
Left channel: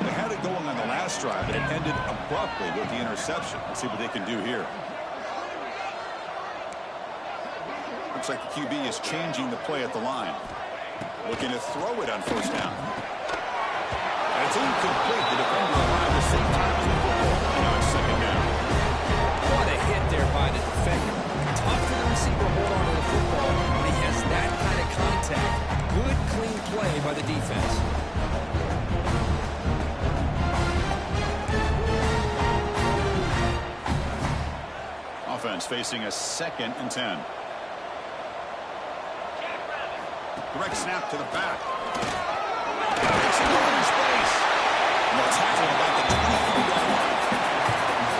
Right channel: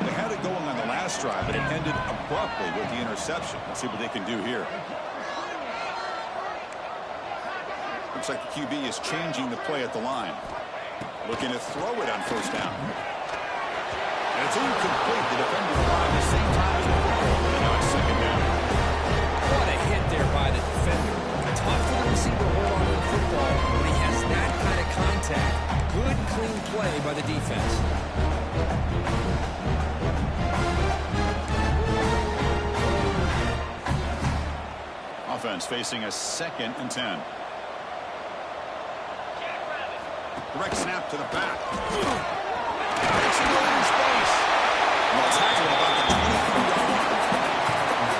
They had it going on the last drive, but it ended abruptly with the interception. Let's see what they can do here. Looks like the QB is changing the play at the line. Looking to throw it on first down. And it's incomplete. The defender arrived the same time as the football. And now it's second down. What a hit there by the defender. Tough for the receiver to hold on to the football when he has that kind of contact. Good, clean play by the defense. Offense facing a second and 10. Direct snap to the back. It's in the space. Well, tackle about the 23-yard line.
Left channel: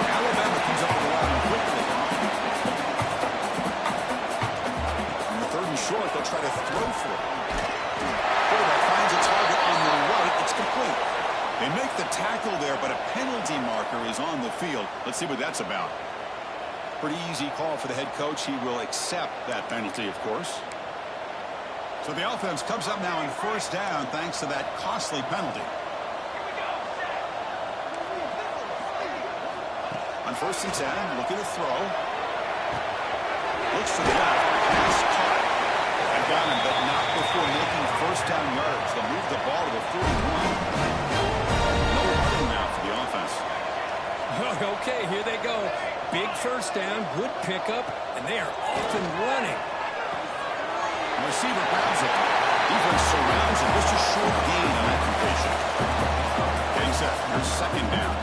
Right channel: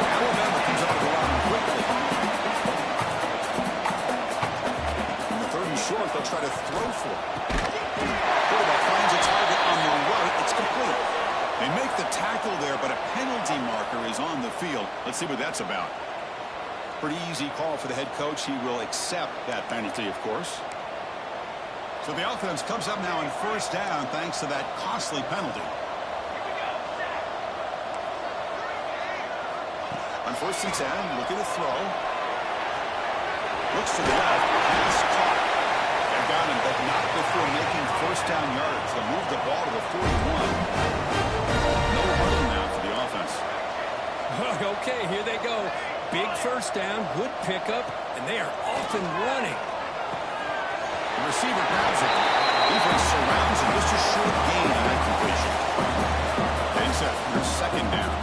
Alabama comes up with the line quickly. In the 3rd and short, they'll try to throw for it. Quarterback finds a target on the right. It's complete. They make the tackle there, but a penalty marker is on the field. Let's see what that's about. Pretty easy call for the head coach. He will accept that penalty, of course. So the offense comes up now on 1st down thanks to that costly penalty. On 1st and 10, looking to throw. Looks to the left. Pass caught. They got him, but not before making 1st down yards. They'll move the ball to the 41. No huddle now for the offense. Okay, here they go. Big 1st down, good pickup, and they are off and running. The receiver grabs it. Defense surrounds him. Just a short gain on that completion. Getting set. Here's 2nd down.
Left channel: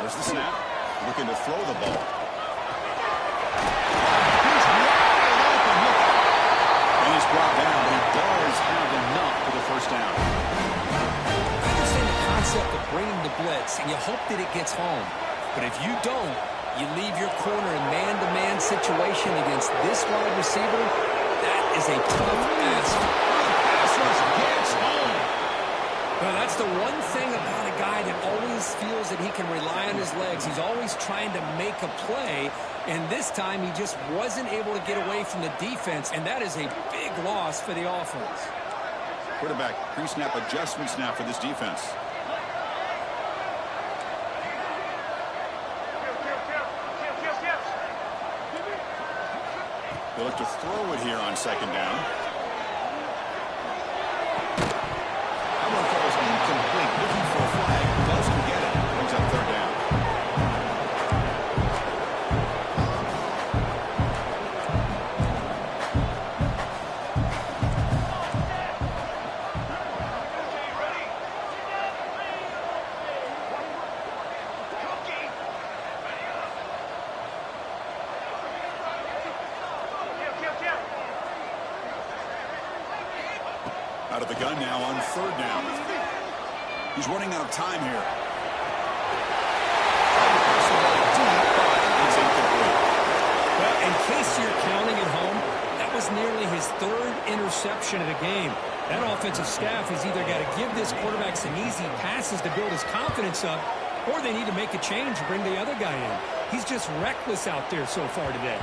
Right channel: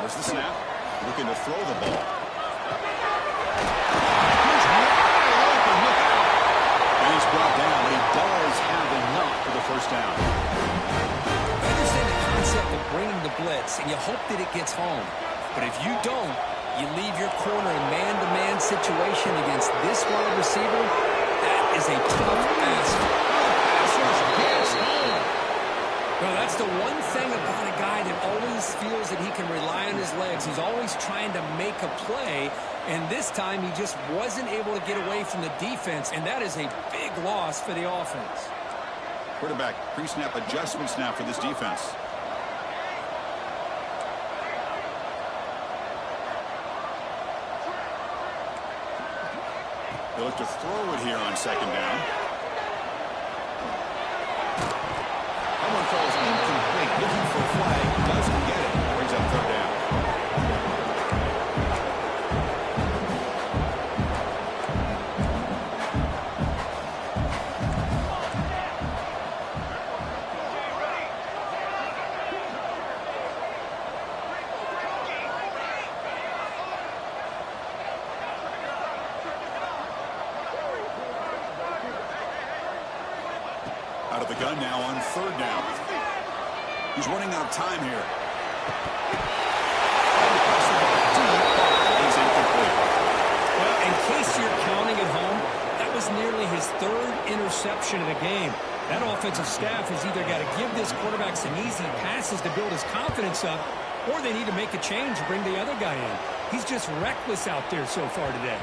There's the snap. Looking to throw the ball. He's wide open. Look out. And he's brought down, but he does have enough for the 1st down. I understand the concept of bringing the blitz, and you hope that it gets home. But if you don't, you leave your corner in man-to-man situation against this wide receiver. That is a tough ask. The pass rush gets home. Well, that's the one thing about a guy that always feels that he can rely on his legs. He's always trying to make a play, and this time he just wasn't able to get away from the defense, and that is a big loss for the offense. Quarterback pre-snap adjustments now for this defense. They look to throw it here on 2nd down. That one falls incomplete. Looking for a flag. Doesn't get it. Brings up 3rd down. Out of the gun now on 3rd down. He's running out of time here. Tried to pass the ball deep, but it's incomplete. Well, in case you're counting at home, that was nearly his 3rd interception of the game. That offensive staff has either got to give this quarterback some easy passes to build his confidence up, or they need to make a change and bring the other guy in. He's just reckless out there so far today.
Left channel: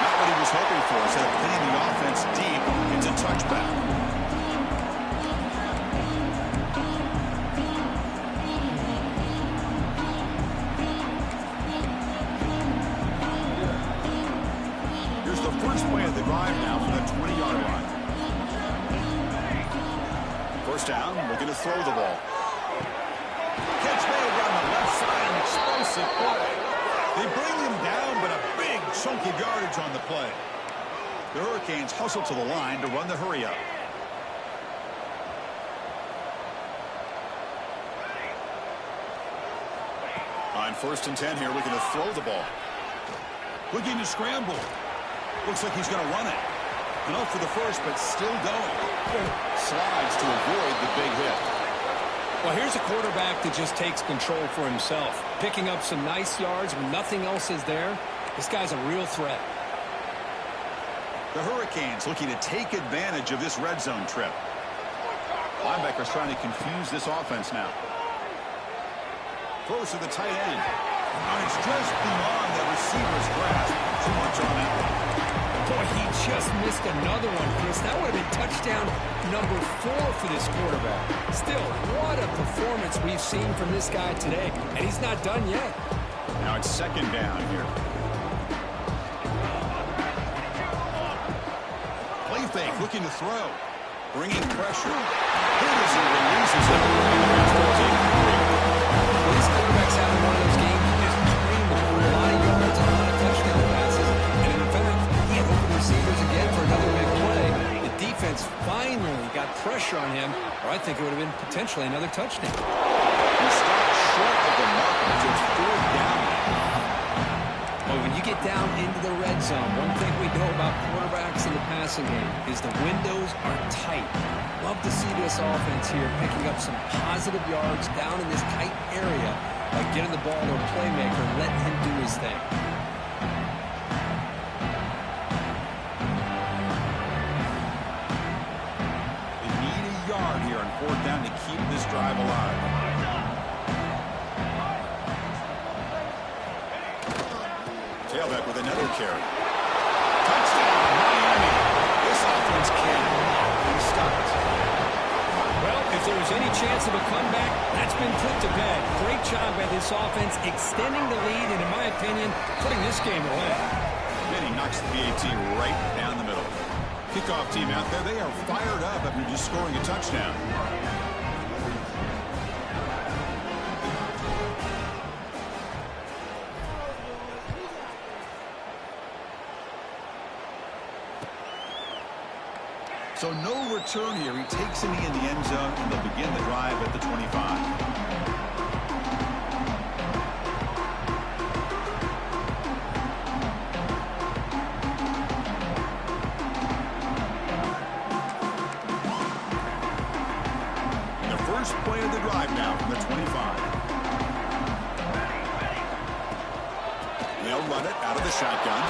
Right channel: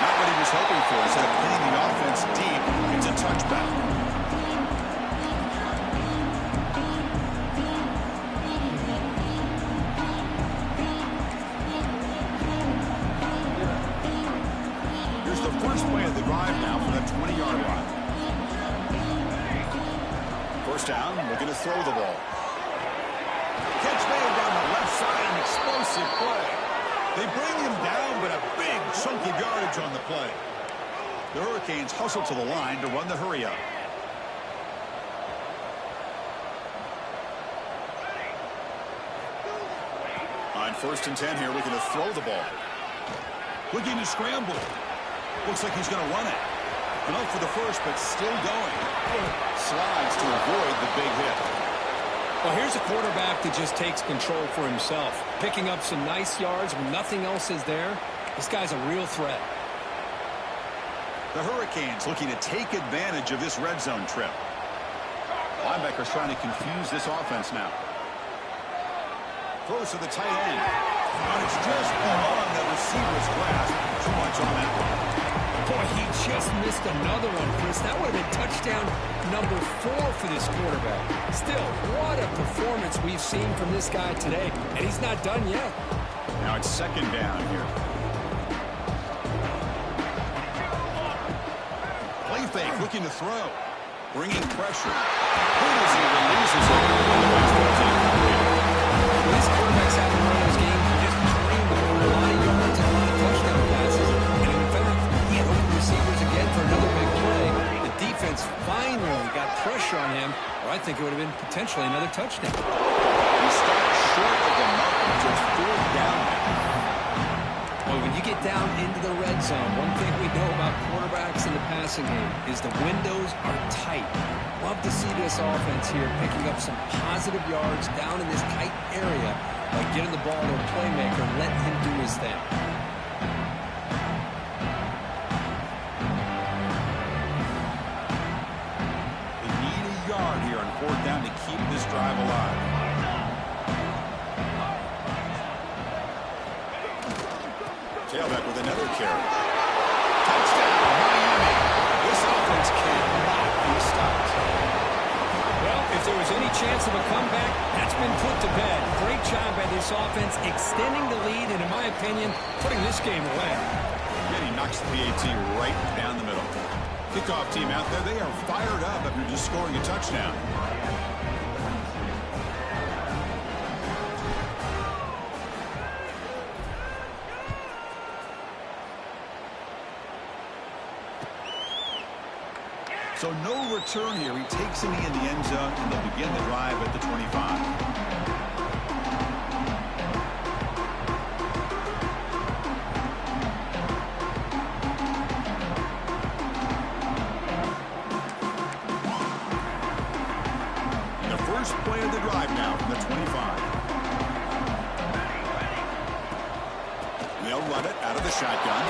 Not what he was hoping for. Instead of hitting the offense deep, it's a touchback. First play of the drive now from the 20-yard line. 1st down, looking to throw the ball. Catch made down the left side, an explosive play. They bring him down, but a big chunk of yardage on the play. The Hurricanes hustle to the line to run the hurry up. On 1st and 10 here, looking to throw the ball. Looking to scramble. Looks like he's going to run it. Enough for the 1st, but still going. Slides to avoid the big hit. Well, here's a quarterback that just takes control for himself. Picking up some nice yards when nothing else is there. This guy's a real threat. The Hurricanes looking to take advantage of this red zone trip. Linebackers trying to confuse this offense now. Throws to the tight end. And it's just beyond the receiver's grasp. Too much on that one. Boy, he just missed another one, Chris. That would have been touchdown number 4 for this quarterback. Still, what a performance we've seen from this guy today. And he's not done yet. Now it's 2nd down here. Play fake, looking to throw. Bringing pressure. Good as he releases it. And the pass ball is incomplete. Well, this quarterback's having one of those games he just dreamed of. A lot of yards and a lot of touchdown passes. And in fact, he had open receivers again for another big play. The defense finally got pressure on him, or I think it would have been potentially another touchdown. He stopped short of the mark until it's fourth down now. Well, when you get down into the red zone, one thing we know about quarterbacks in the passing game is the windows are tight. Love to see this offense here picking up some positive yards down in this tight area by getting the ball to a playmaker and letting him do his thing. They need a yard here on fourth down to keep this drive alive. Tailback with another carry. Touchdown, Miami. This offense cannot be stopped. Well, if there was any chance of a comeback, that's been put to bed. Great job by this offense extending the lead and, in my opinion, putting this game away. Then he knocks the PAT right down the middle. Kickoff team out there, they are fired up after just scoring a touchdown. So no return here. He takes him in the end zone, and they'll begin the drive at the 25. And the first play of the drive now from the 25. And they'll run it out of the shotgun.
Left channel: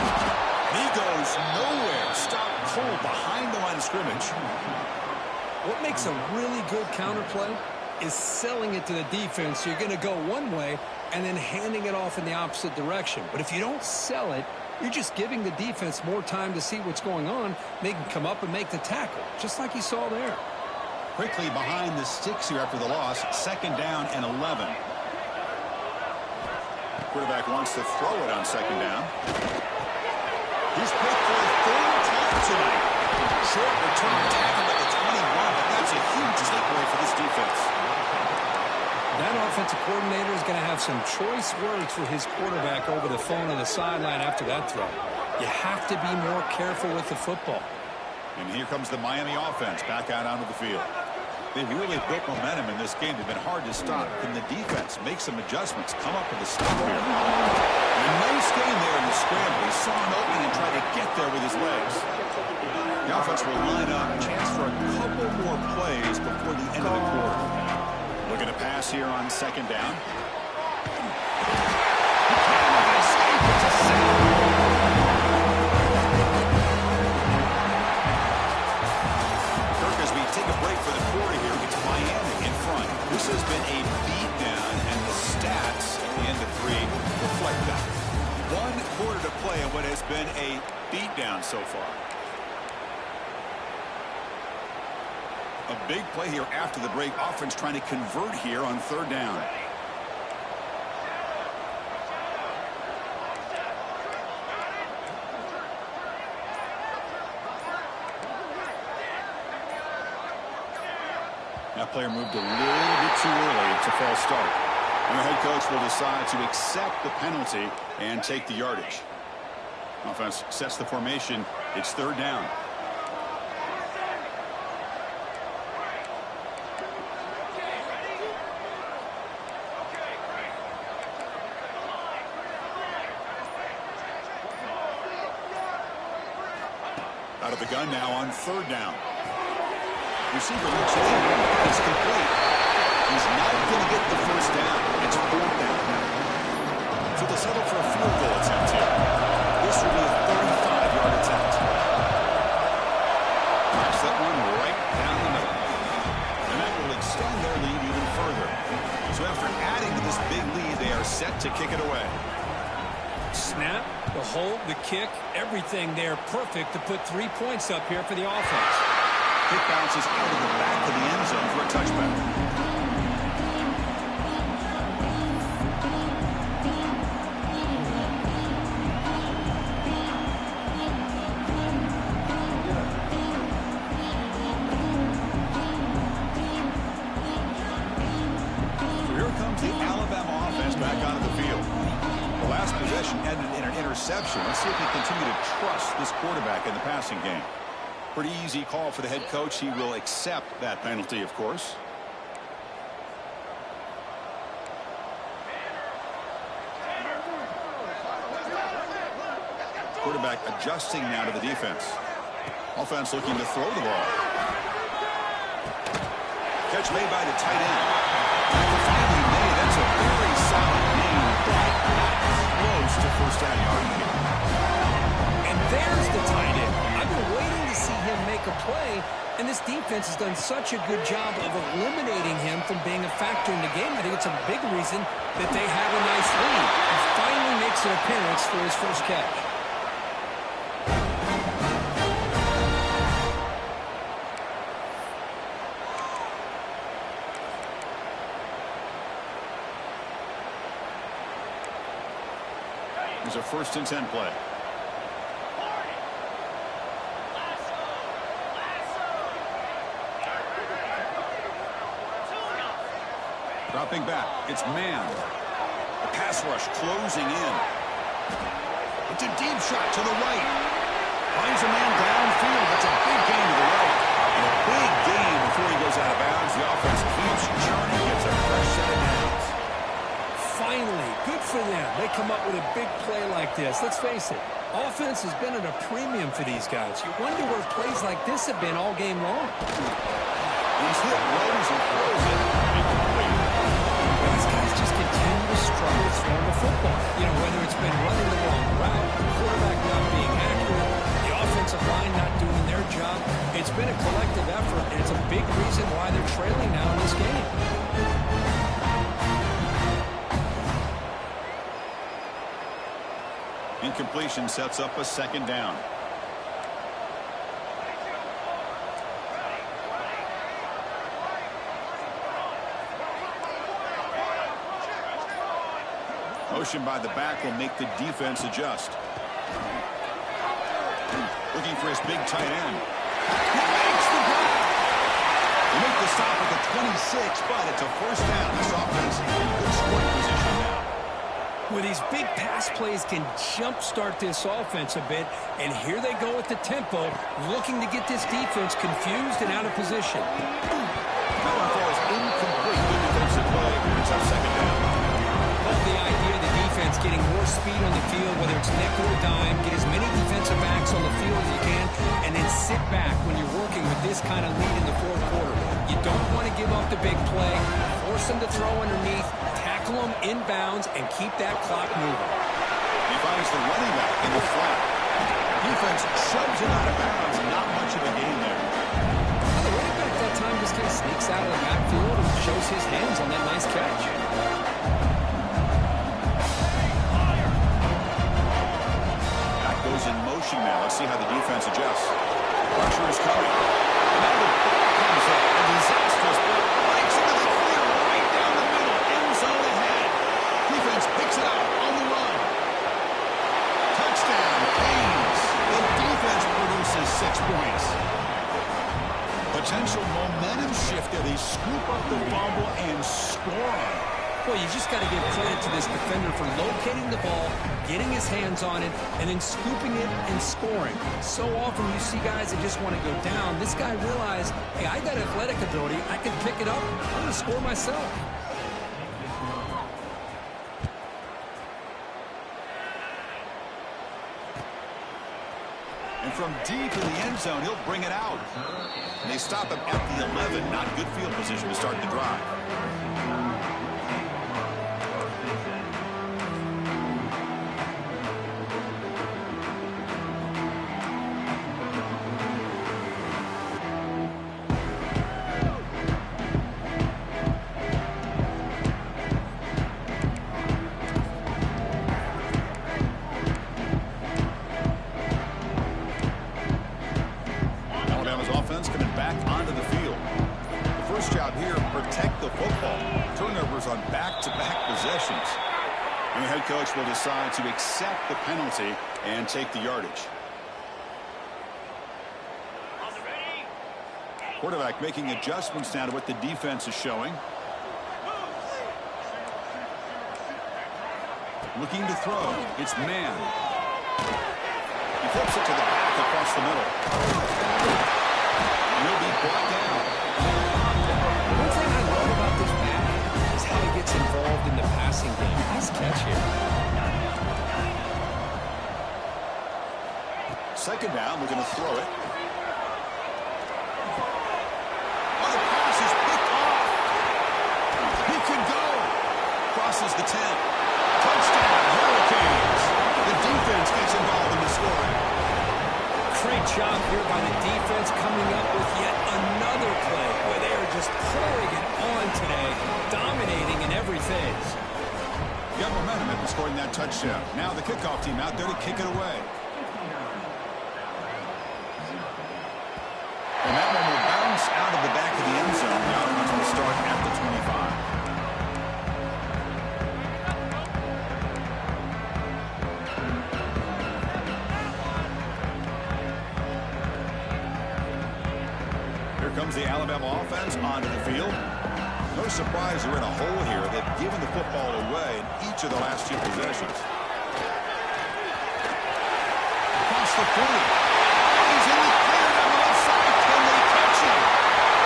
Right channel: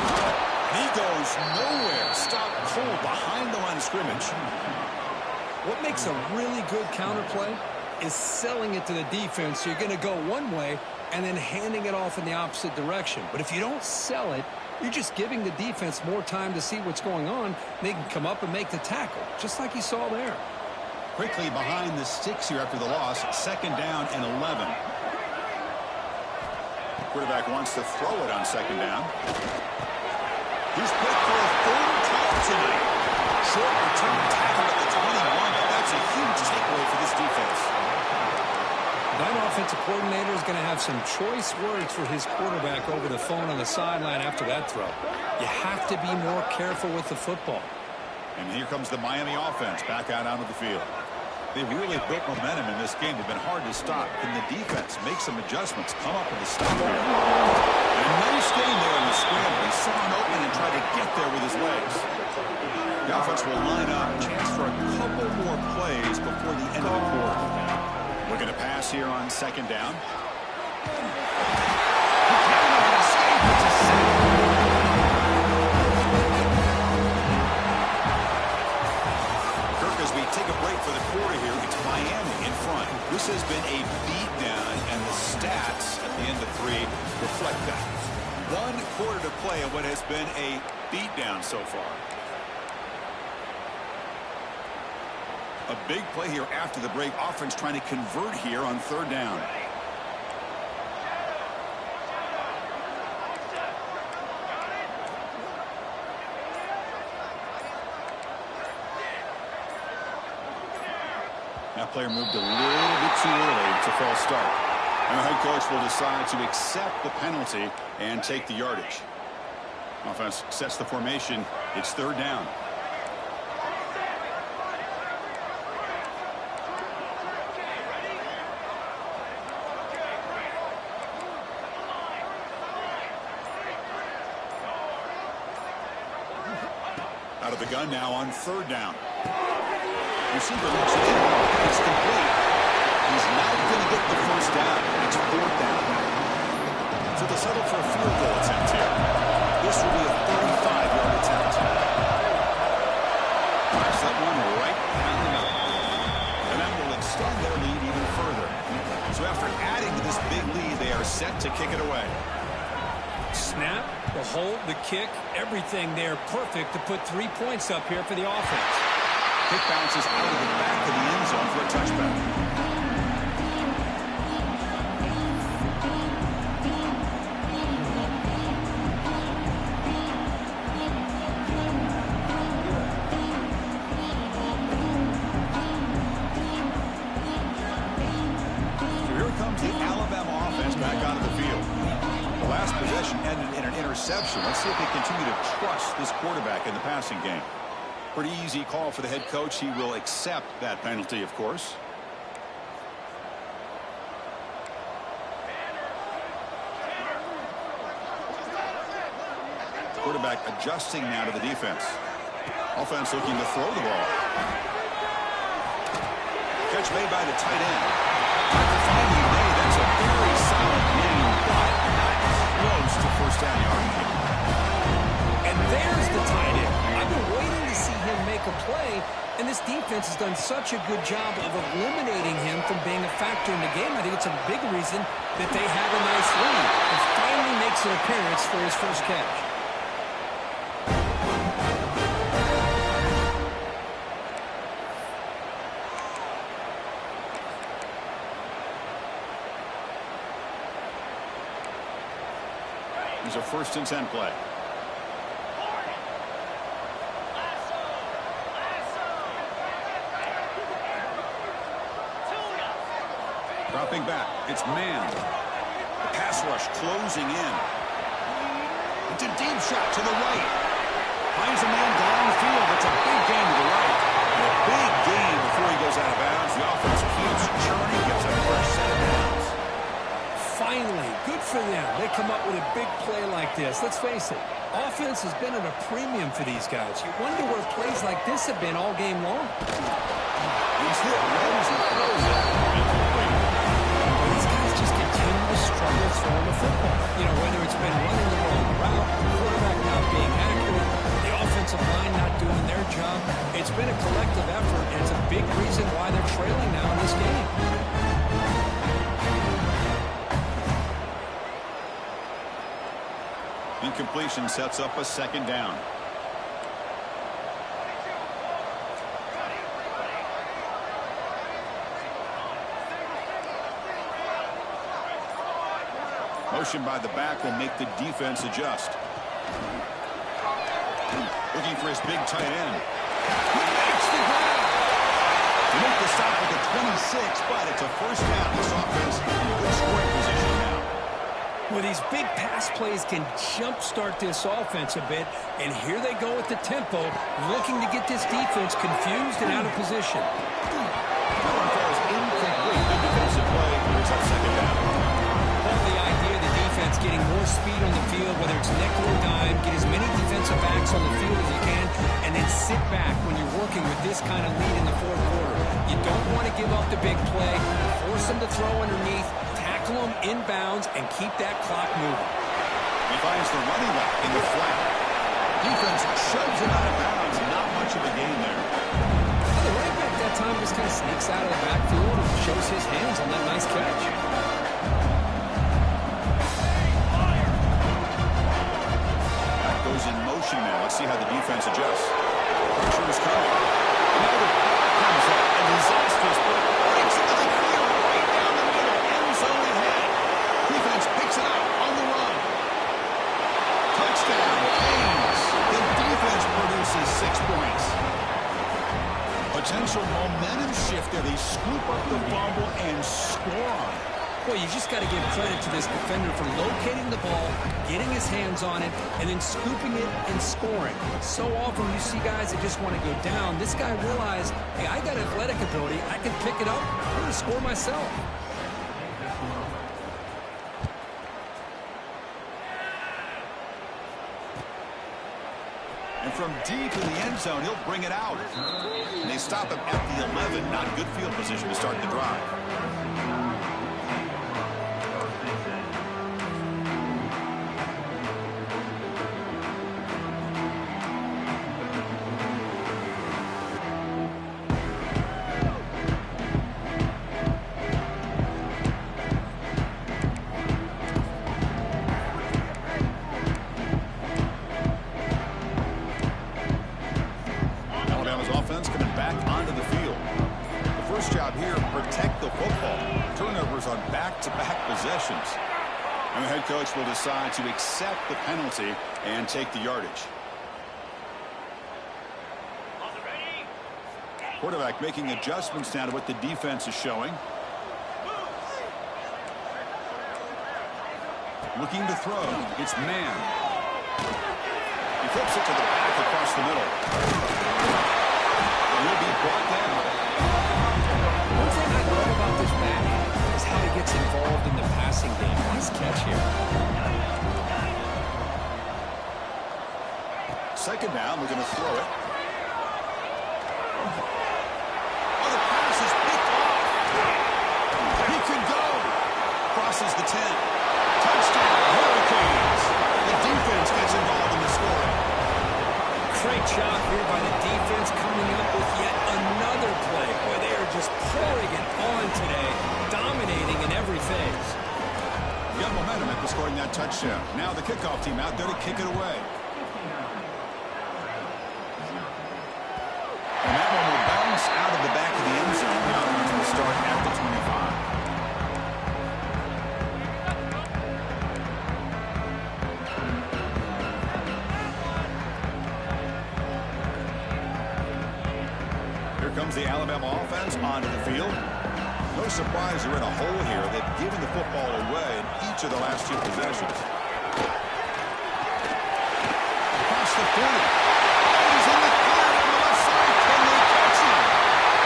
And he goes nowhere. Stop cold behind the line of scrimmage. What makes a really good counterplay is selling it to the defense. You're going to go one way and then handing it off in the opposite direction. But if you don't sell it, you're just giving the defense more time to see what's going on. They can come up and make the tackle, just like you saw there. Quickly behind the sticks here after the loss. Second down and 11. Quarterback wants to throw it on second down. He's picked for a third time tonight. Short return tackle at the 21, but that's a huge takeaway for this defense. That offensive coordinator is going to have some choice words for his quarterback over the phone on the sideline after that throw. You have to be more careful with the football. And here comes the Miami offense back out onto the field. They've really built momentum in this game. They've been hard to stop. Can the defense make some adjustments, come up with a stop here? And a nice game there in the scramble. He saw an opening and tried to get there with his legs. The offense will line up. Chance for a couple more plays before the end of the quarter. Looking to pass here on second down. He can't even escape. It's a sack. As we take a break for the quarter here, it's Miami in front. This has been a beatdown, and the stats at the end of 3 reflect that. 1 quarter to play in what has been a beatdown so far. A big play here after the break. Offense trying to convert here on third down. That player moved a little bit too early. It's a false start. And the head coach will decide to accept the penalty and take the yardage. Offense sets the formation. It's third down. Out of the gun now on third down. Receiver looks it in. It's complete. He's not going to get the first down. It's fourth down now. So they'll settle for a field goal attempt here. This will be a 35-yard attempt. Knocks that one right down the middle. And that will extend their lead even further. So after adding to this big lead, they are set to kick it away. Snap, the hold, the kick, everything there perfect to put 3 points up here for the offense. Kick bounces out of the back of the end zone for a touchback. So here comes the Alabama offense back onto the field. The last possession ended in an interception. Let's see if they continue to trust this quarterback in the passing game. Pretty easy call for the head coach. He will accept that penalty, of course. Quarterback adjusting now to the defense. Offense looking to throw the ball. Catch made by the tight end. Tackle finally made. That's a very solid gain, but not close to first down yardage. And there's the tight end. I've been waiting to see him make a play, and this defense has done such a good job of eliminating him from being a factor in the game. I think it's a big reason that they have a nice lead. He finally makes an appearance for his first catch. It's a 1st and 10 play. Dropping back. It's man. The pass rush closing in. It's a deep shot to the right. Finds a man downfield. That's a big gain to the right. And a big gain before he goes out of bounds. The offense keeps churning. Gets a fresh set of downs. Finally, good for them. They come up with a big play like this. Let's face it, offense has been at a premium for these guys. You wonder where plays like this have been all game long. He's hit, rolls, and throws it. Incomplete. Well, these guys just continue to struggle throwing the football. You know, whether it's been running the wrong route, quarterback not being accurate, the offensive line not doing their job. It's been a collective effort, and it's a big reason why they're trailing now in this game. Incompletion sets up a 2nd down. Motion by the back will make the defense adjust. Looking for his big tight end. He makes the grab. They make the stop at the 26, but it's a 1st down. This offense in good scoring position now. Well, these big pass plays can jumpstart this offense a bit, and here they go with the tempo, looking to get this defense confused and out of position. That one falls incomplete. Good defensive play. Brings up 2nd down. Love the idea of the defense getting more speed on the field, whether it's nickel or dime, get as many defensive backs on the field as you can, and then sit back when you're working with this kind of lead in the 4th quarter. You don't want to give up the big play, force them to throw underneath, tackle them inbounds, and keep that clock moving. He finds the running back in the flat. Defense shoves him out of bounds. Not much of a gain there. Well, the running back that time just kind of sneaks out of the backfield and shows his hands on that nice catch. Goes in motion now. Let's see how the defense adjusts. Pressure is coming. And now the ball comes up. A disastrous play. Breaks into the clear right down the middle. End zone ahead. Defense picks it up on the run. Touchdown, Canes. The defense produces 6 points. Potential momentum shift there. They scoop up the fumble and score on it. Well, you just got to give credit to this defender for locating the ball, getting his hands on it, and then scooping it and scoring. So often you see guys that just want to go down. This guy realized, hey, I got athletic ability. I can pick it up. I'm going to score myself. And from deep in the end zone, he'll bring it out. And they stop him at the 11. Not good field position to start the drive. On back-to-back possessions. And the head coach will decide to accept the penalty and take the yardage. Quarterback making adjustments now to what the defense is showing. Looking to throw. It's man. He flips it to the back across the middle. And he'll be brought down. One thing I love about this back is how he gets involved in the passing game. Nice catch here. Second down, we're going to throw it. Oh, the pass is picked off. He could go. Crosses the 10. Touchdown, Hurricanes. The defense gets involved in the scoring. Great job here by the defense coming up with yet another play. Boy, they are just pouring it on today, dominating in every phase. Got momentum after scoring that touchdown. Now the kickoff team out there to kick it away. And that one will bounce out of the back of the end zone. The offense will start at the 25. Here comes the Alabama offense onto the field. No surprise they're in a hole here. They've given the football away in each of the last two possessions. Across the 40. And he's in the clear down the left side. Can they catch him?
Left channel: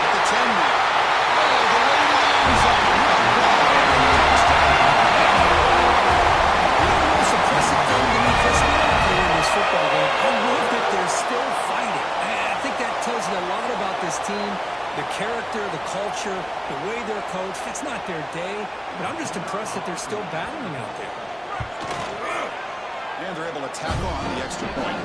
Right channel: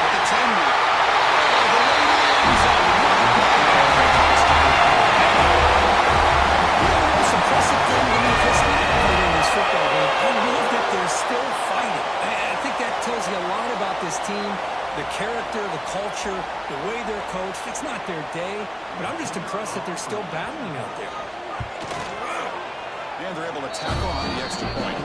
At the 10 now. Oh, the way to the end zone. Touchdown. You know the most impressive thing to me, Chris, in this football game, I love that they're still fighting. I think that tells you a lot about this team, the character, the culture, the way they're coached. It's not their day, but I'm just impressed that they're still battling out there. And they're able to tack on the extra point.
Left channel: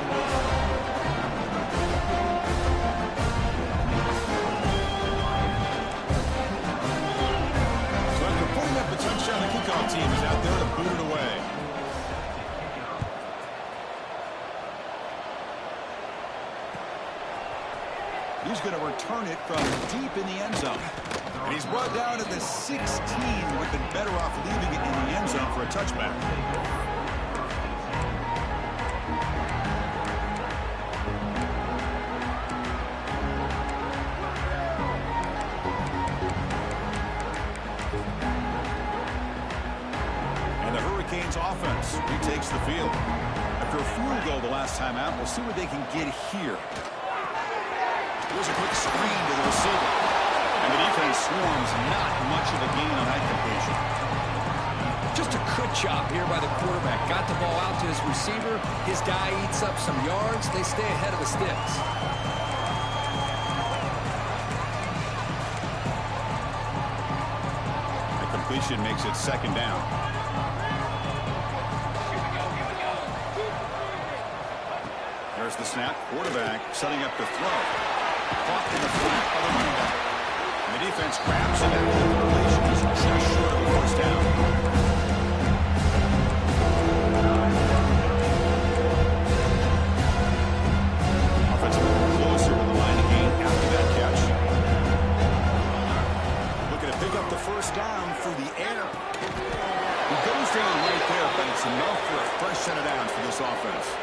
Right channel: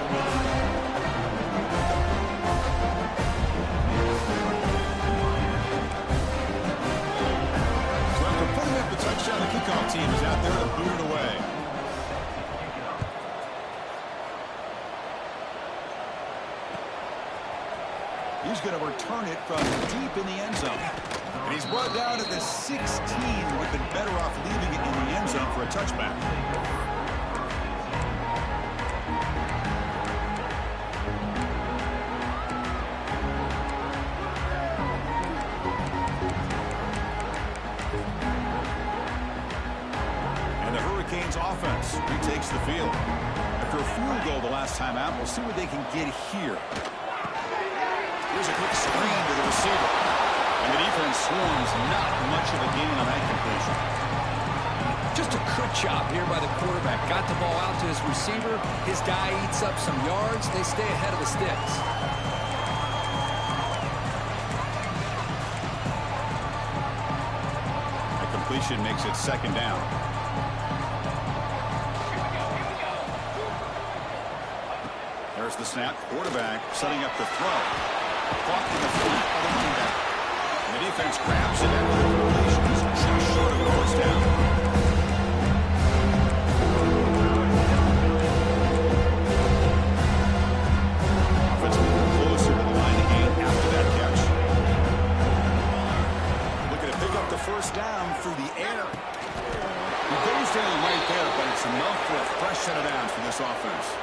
So after putting up the touchdown, the kickoff team is out there to boot it away. He's going to return it from deep in the end zone. And he's brought down at the 16. Would have been better off leaving it in the end zone for a touchback. And the Hurricanes offense retakes the field. After a field goal the last time out, we'll see what they can get here. Here's a quick screen to the receiver. And the defense swarms, not much of a gain on that completion. Just a good job here by the quarterback. Got the ball out to his receiver. His guy eats up some yards. They stay ahead of the sticks. That completion makes it second down. There's the snap. Quarterback setting up the throw. Caught in the flat by the running back. And the defense grabs him after the completion. He's just short of a first down. Offense moving closer to the line of game after that catch. Looking to pick up the first down through the air. He goes down right there, but it's enough for a fresh set of downs for this offense.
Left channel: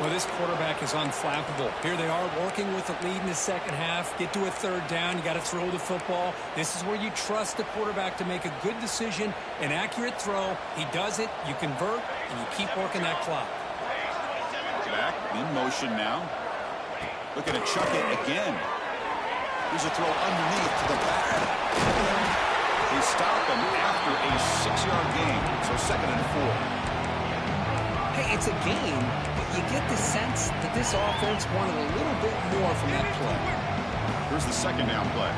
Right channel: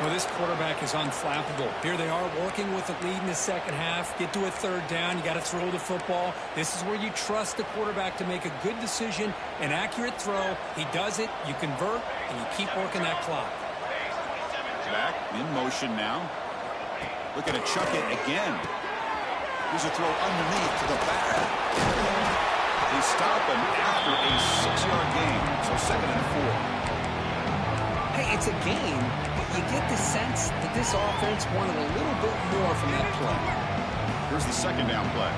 Well, this quarterback is unflappable. Here they are working with the lead in the second half. Get to a third down. You got to throw the football. This is where you trust the quarterback to make a good decision, an accurate throw. He does it, you convert, and you keep working that clock. Back in motion now. Looking to chuck it again. Here's a throw underneath to the back. They stop him after a 6-yard gain. So 2nd and 4. Hey, it's a game, but you get the sense that this offense wanted a little bit more from that play. Here's the second down play.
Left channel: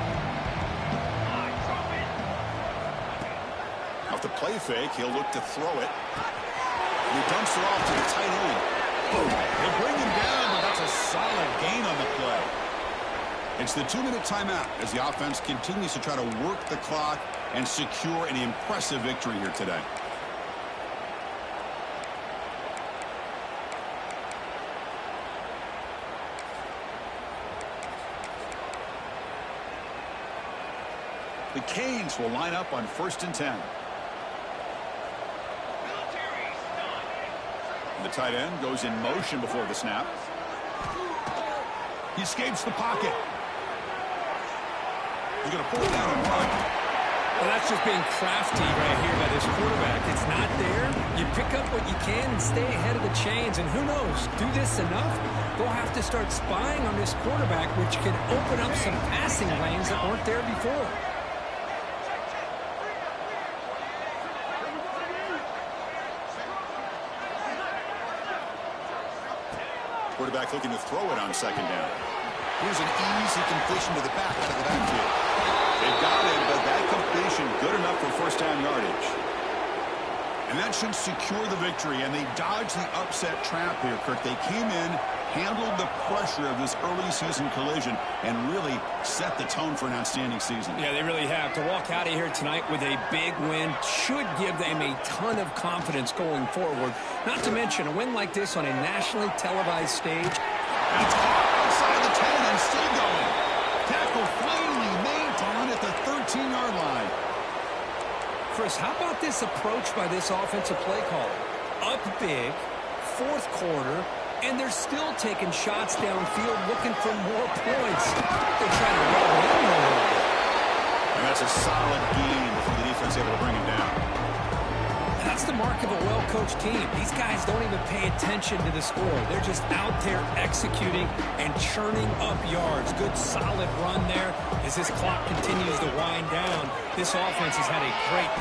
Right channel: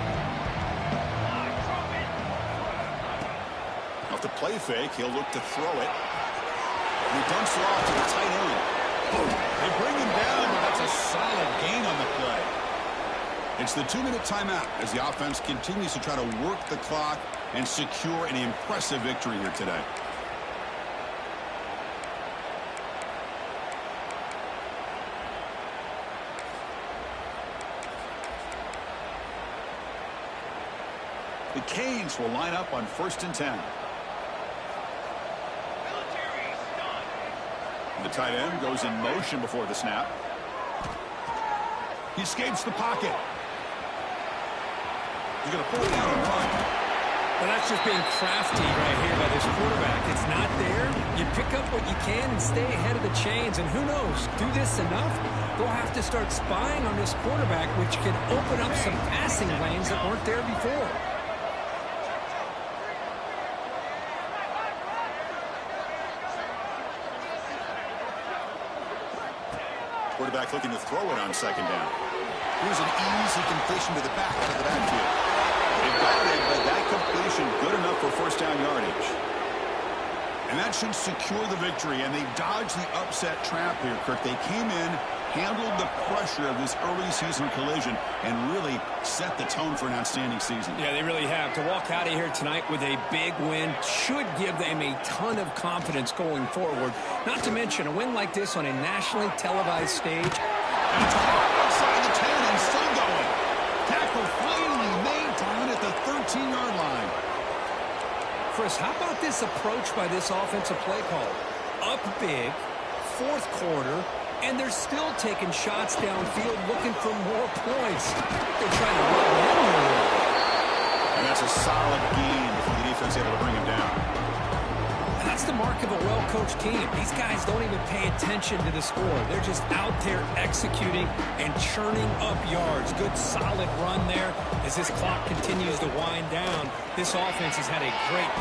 Off the play fake, he'll look to throw it. And he dumps it off to the tight end. They bring him down, but that's a solid gain on the play. It's the 2-minute timeout as the offense continues to try to work the clock and secure an impressive victory here today. The Canes will line up on 1st and 10. The tight end goes in motion before the snap. He escapes the pocket. He's going to pull it down and run. Well, that's just being crafty right here by this quarterback. It's not there. You pick up what you can and stay ahead of the chains. And who knows, do this enough, they'll have to start spying on this quarterback, which can open up some passing lanes that weren't there before. Quarterback looking to throw it on second down. Here's an easy completion to the back out of the backfield. They've got it, but that completion good enough for first down yardage. And that should secure the victory, and they dodged the upset trap here, Kirk. They came in, handled the pressure of this early season collision, and really set the tone for an outstanding season. Yeah, they really have. To walk out of here tonight with a big win should give them a ton of confidence going forward. Not to mention a win like this on a nationally televised stage. That's caught outside the 10 and still going. Tackle finally made down at the 13-yard line. Chris, how about this approach by this offensive play caller? Up big, fourth quarter, and they're still taking shots downfield looking for more points. They're trying to rub it in a little bit. And that's a solid game before the defense able to bring him down. That's the mark of a well-coached team. These guys don't even pay attention to the score. They're just out there executing and churning up yards. Good, solid run there as this clock continues to wind down. This offense has had a great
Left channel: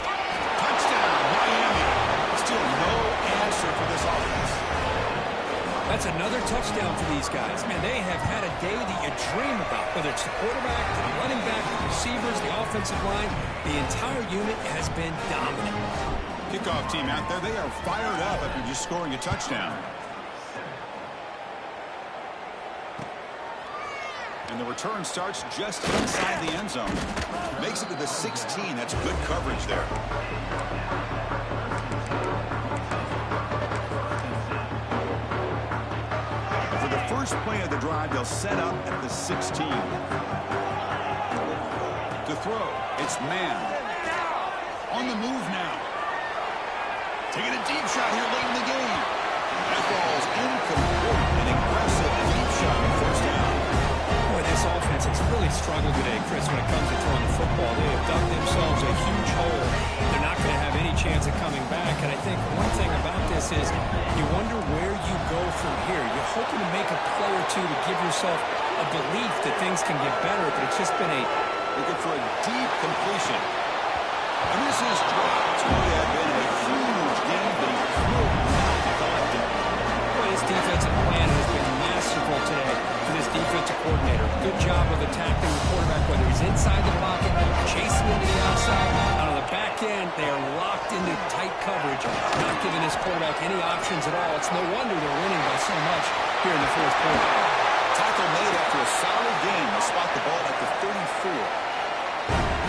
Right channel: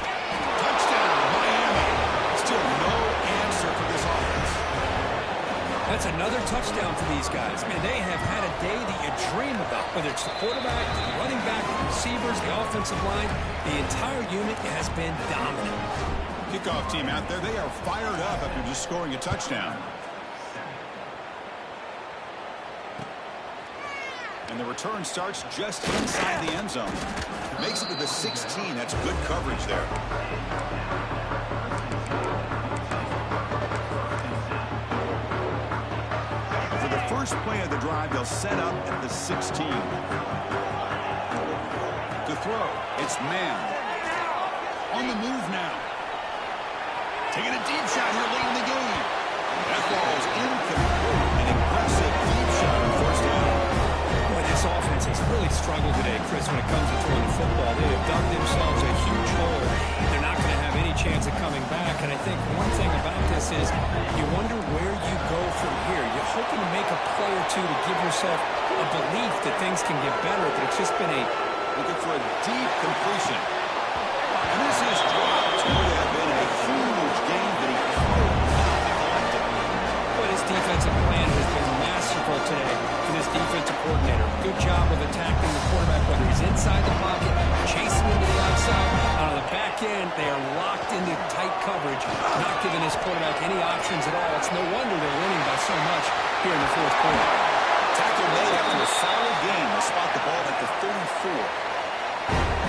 touchdown, Miami. Still no answer for this offense. That's another touchdown for these guys. Man, they have had a day that you dream about, whether it's the quarterback, the running back, the receivers, the offensive line. The entire unit has been dominant. Kickoff team out there, they are fired up after just scoring a touchdown. And the return starts just inside the end zone. Makes it to the 16. That's good coverage there. For the first play of the drive, they'll set up at the 16. To throw, it's man. On the move now. Taking a deep shot here late in the game. That ball's incomplete. An aggressive deep shot on first down. Boy, this offense has really struggled today, Chris, when it comes to throwing the football. They have dug themselves a huge hole. They're not going to have any chance of coming back. And I think one thing about this is you wonder where you go from here. You're hoping to make a play or two to give yourself a belief that things can get better, but it's just been looking for a deep completion. And this is dropped. Would have been a huge game, but he could not collect it. Boy, this defensive plan has been masterful today for this defensive coordinator. Good job of attacking the quarterback, whether he's inside the pocket, chasing him to the outside. Out of the back end, they are locked into tight coverage, not giving this quarterback any options at all. It's no wonder they're winning by so much here in the fourth quarter. Tackle made after a solid game. They'll spot the ball at the 34.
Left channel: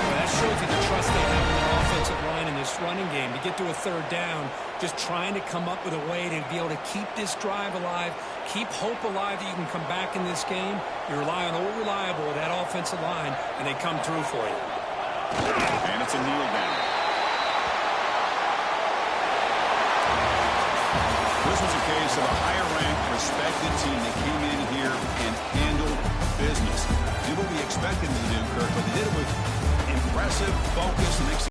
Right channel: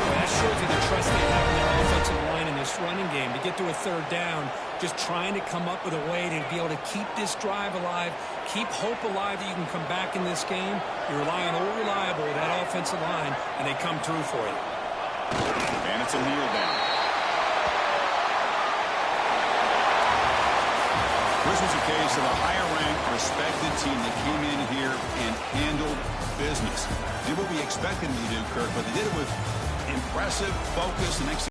Well, that shows you the trust they have in their offensive line in this running game. To get to a third down, just trying to come up with a way to be able to keep this drive alive, keep hope alive that you can come back in this game. You rely on old reliable with that offensive line, and they come through for you. And it's a kneel down. This was a case of a higher-ranked, respected team that came in here and handled business. Did what we expected them to do, Kirk, but they did it with impressive focus and execution.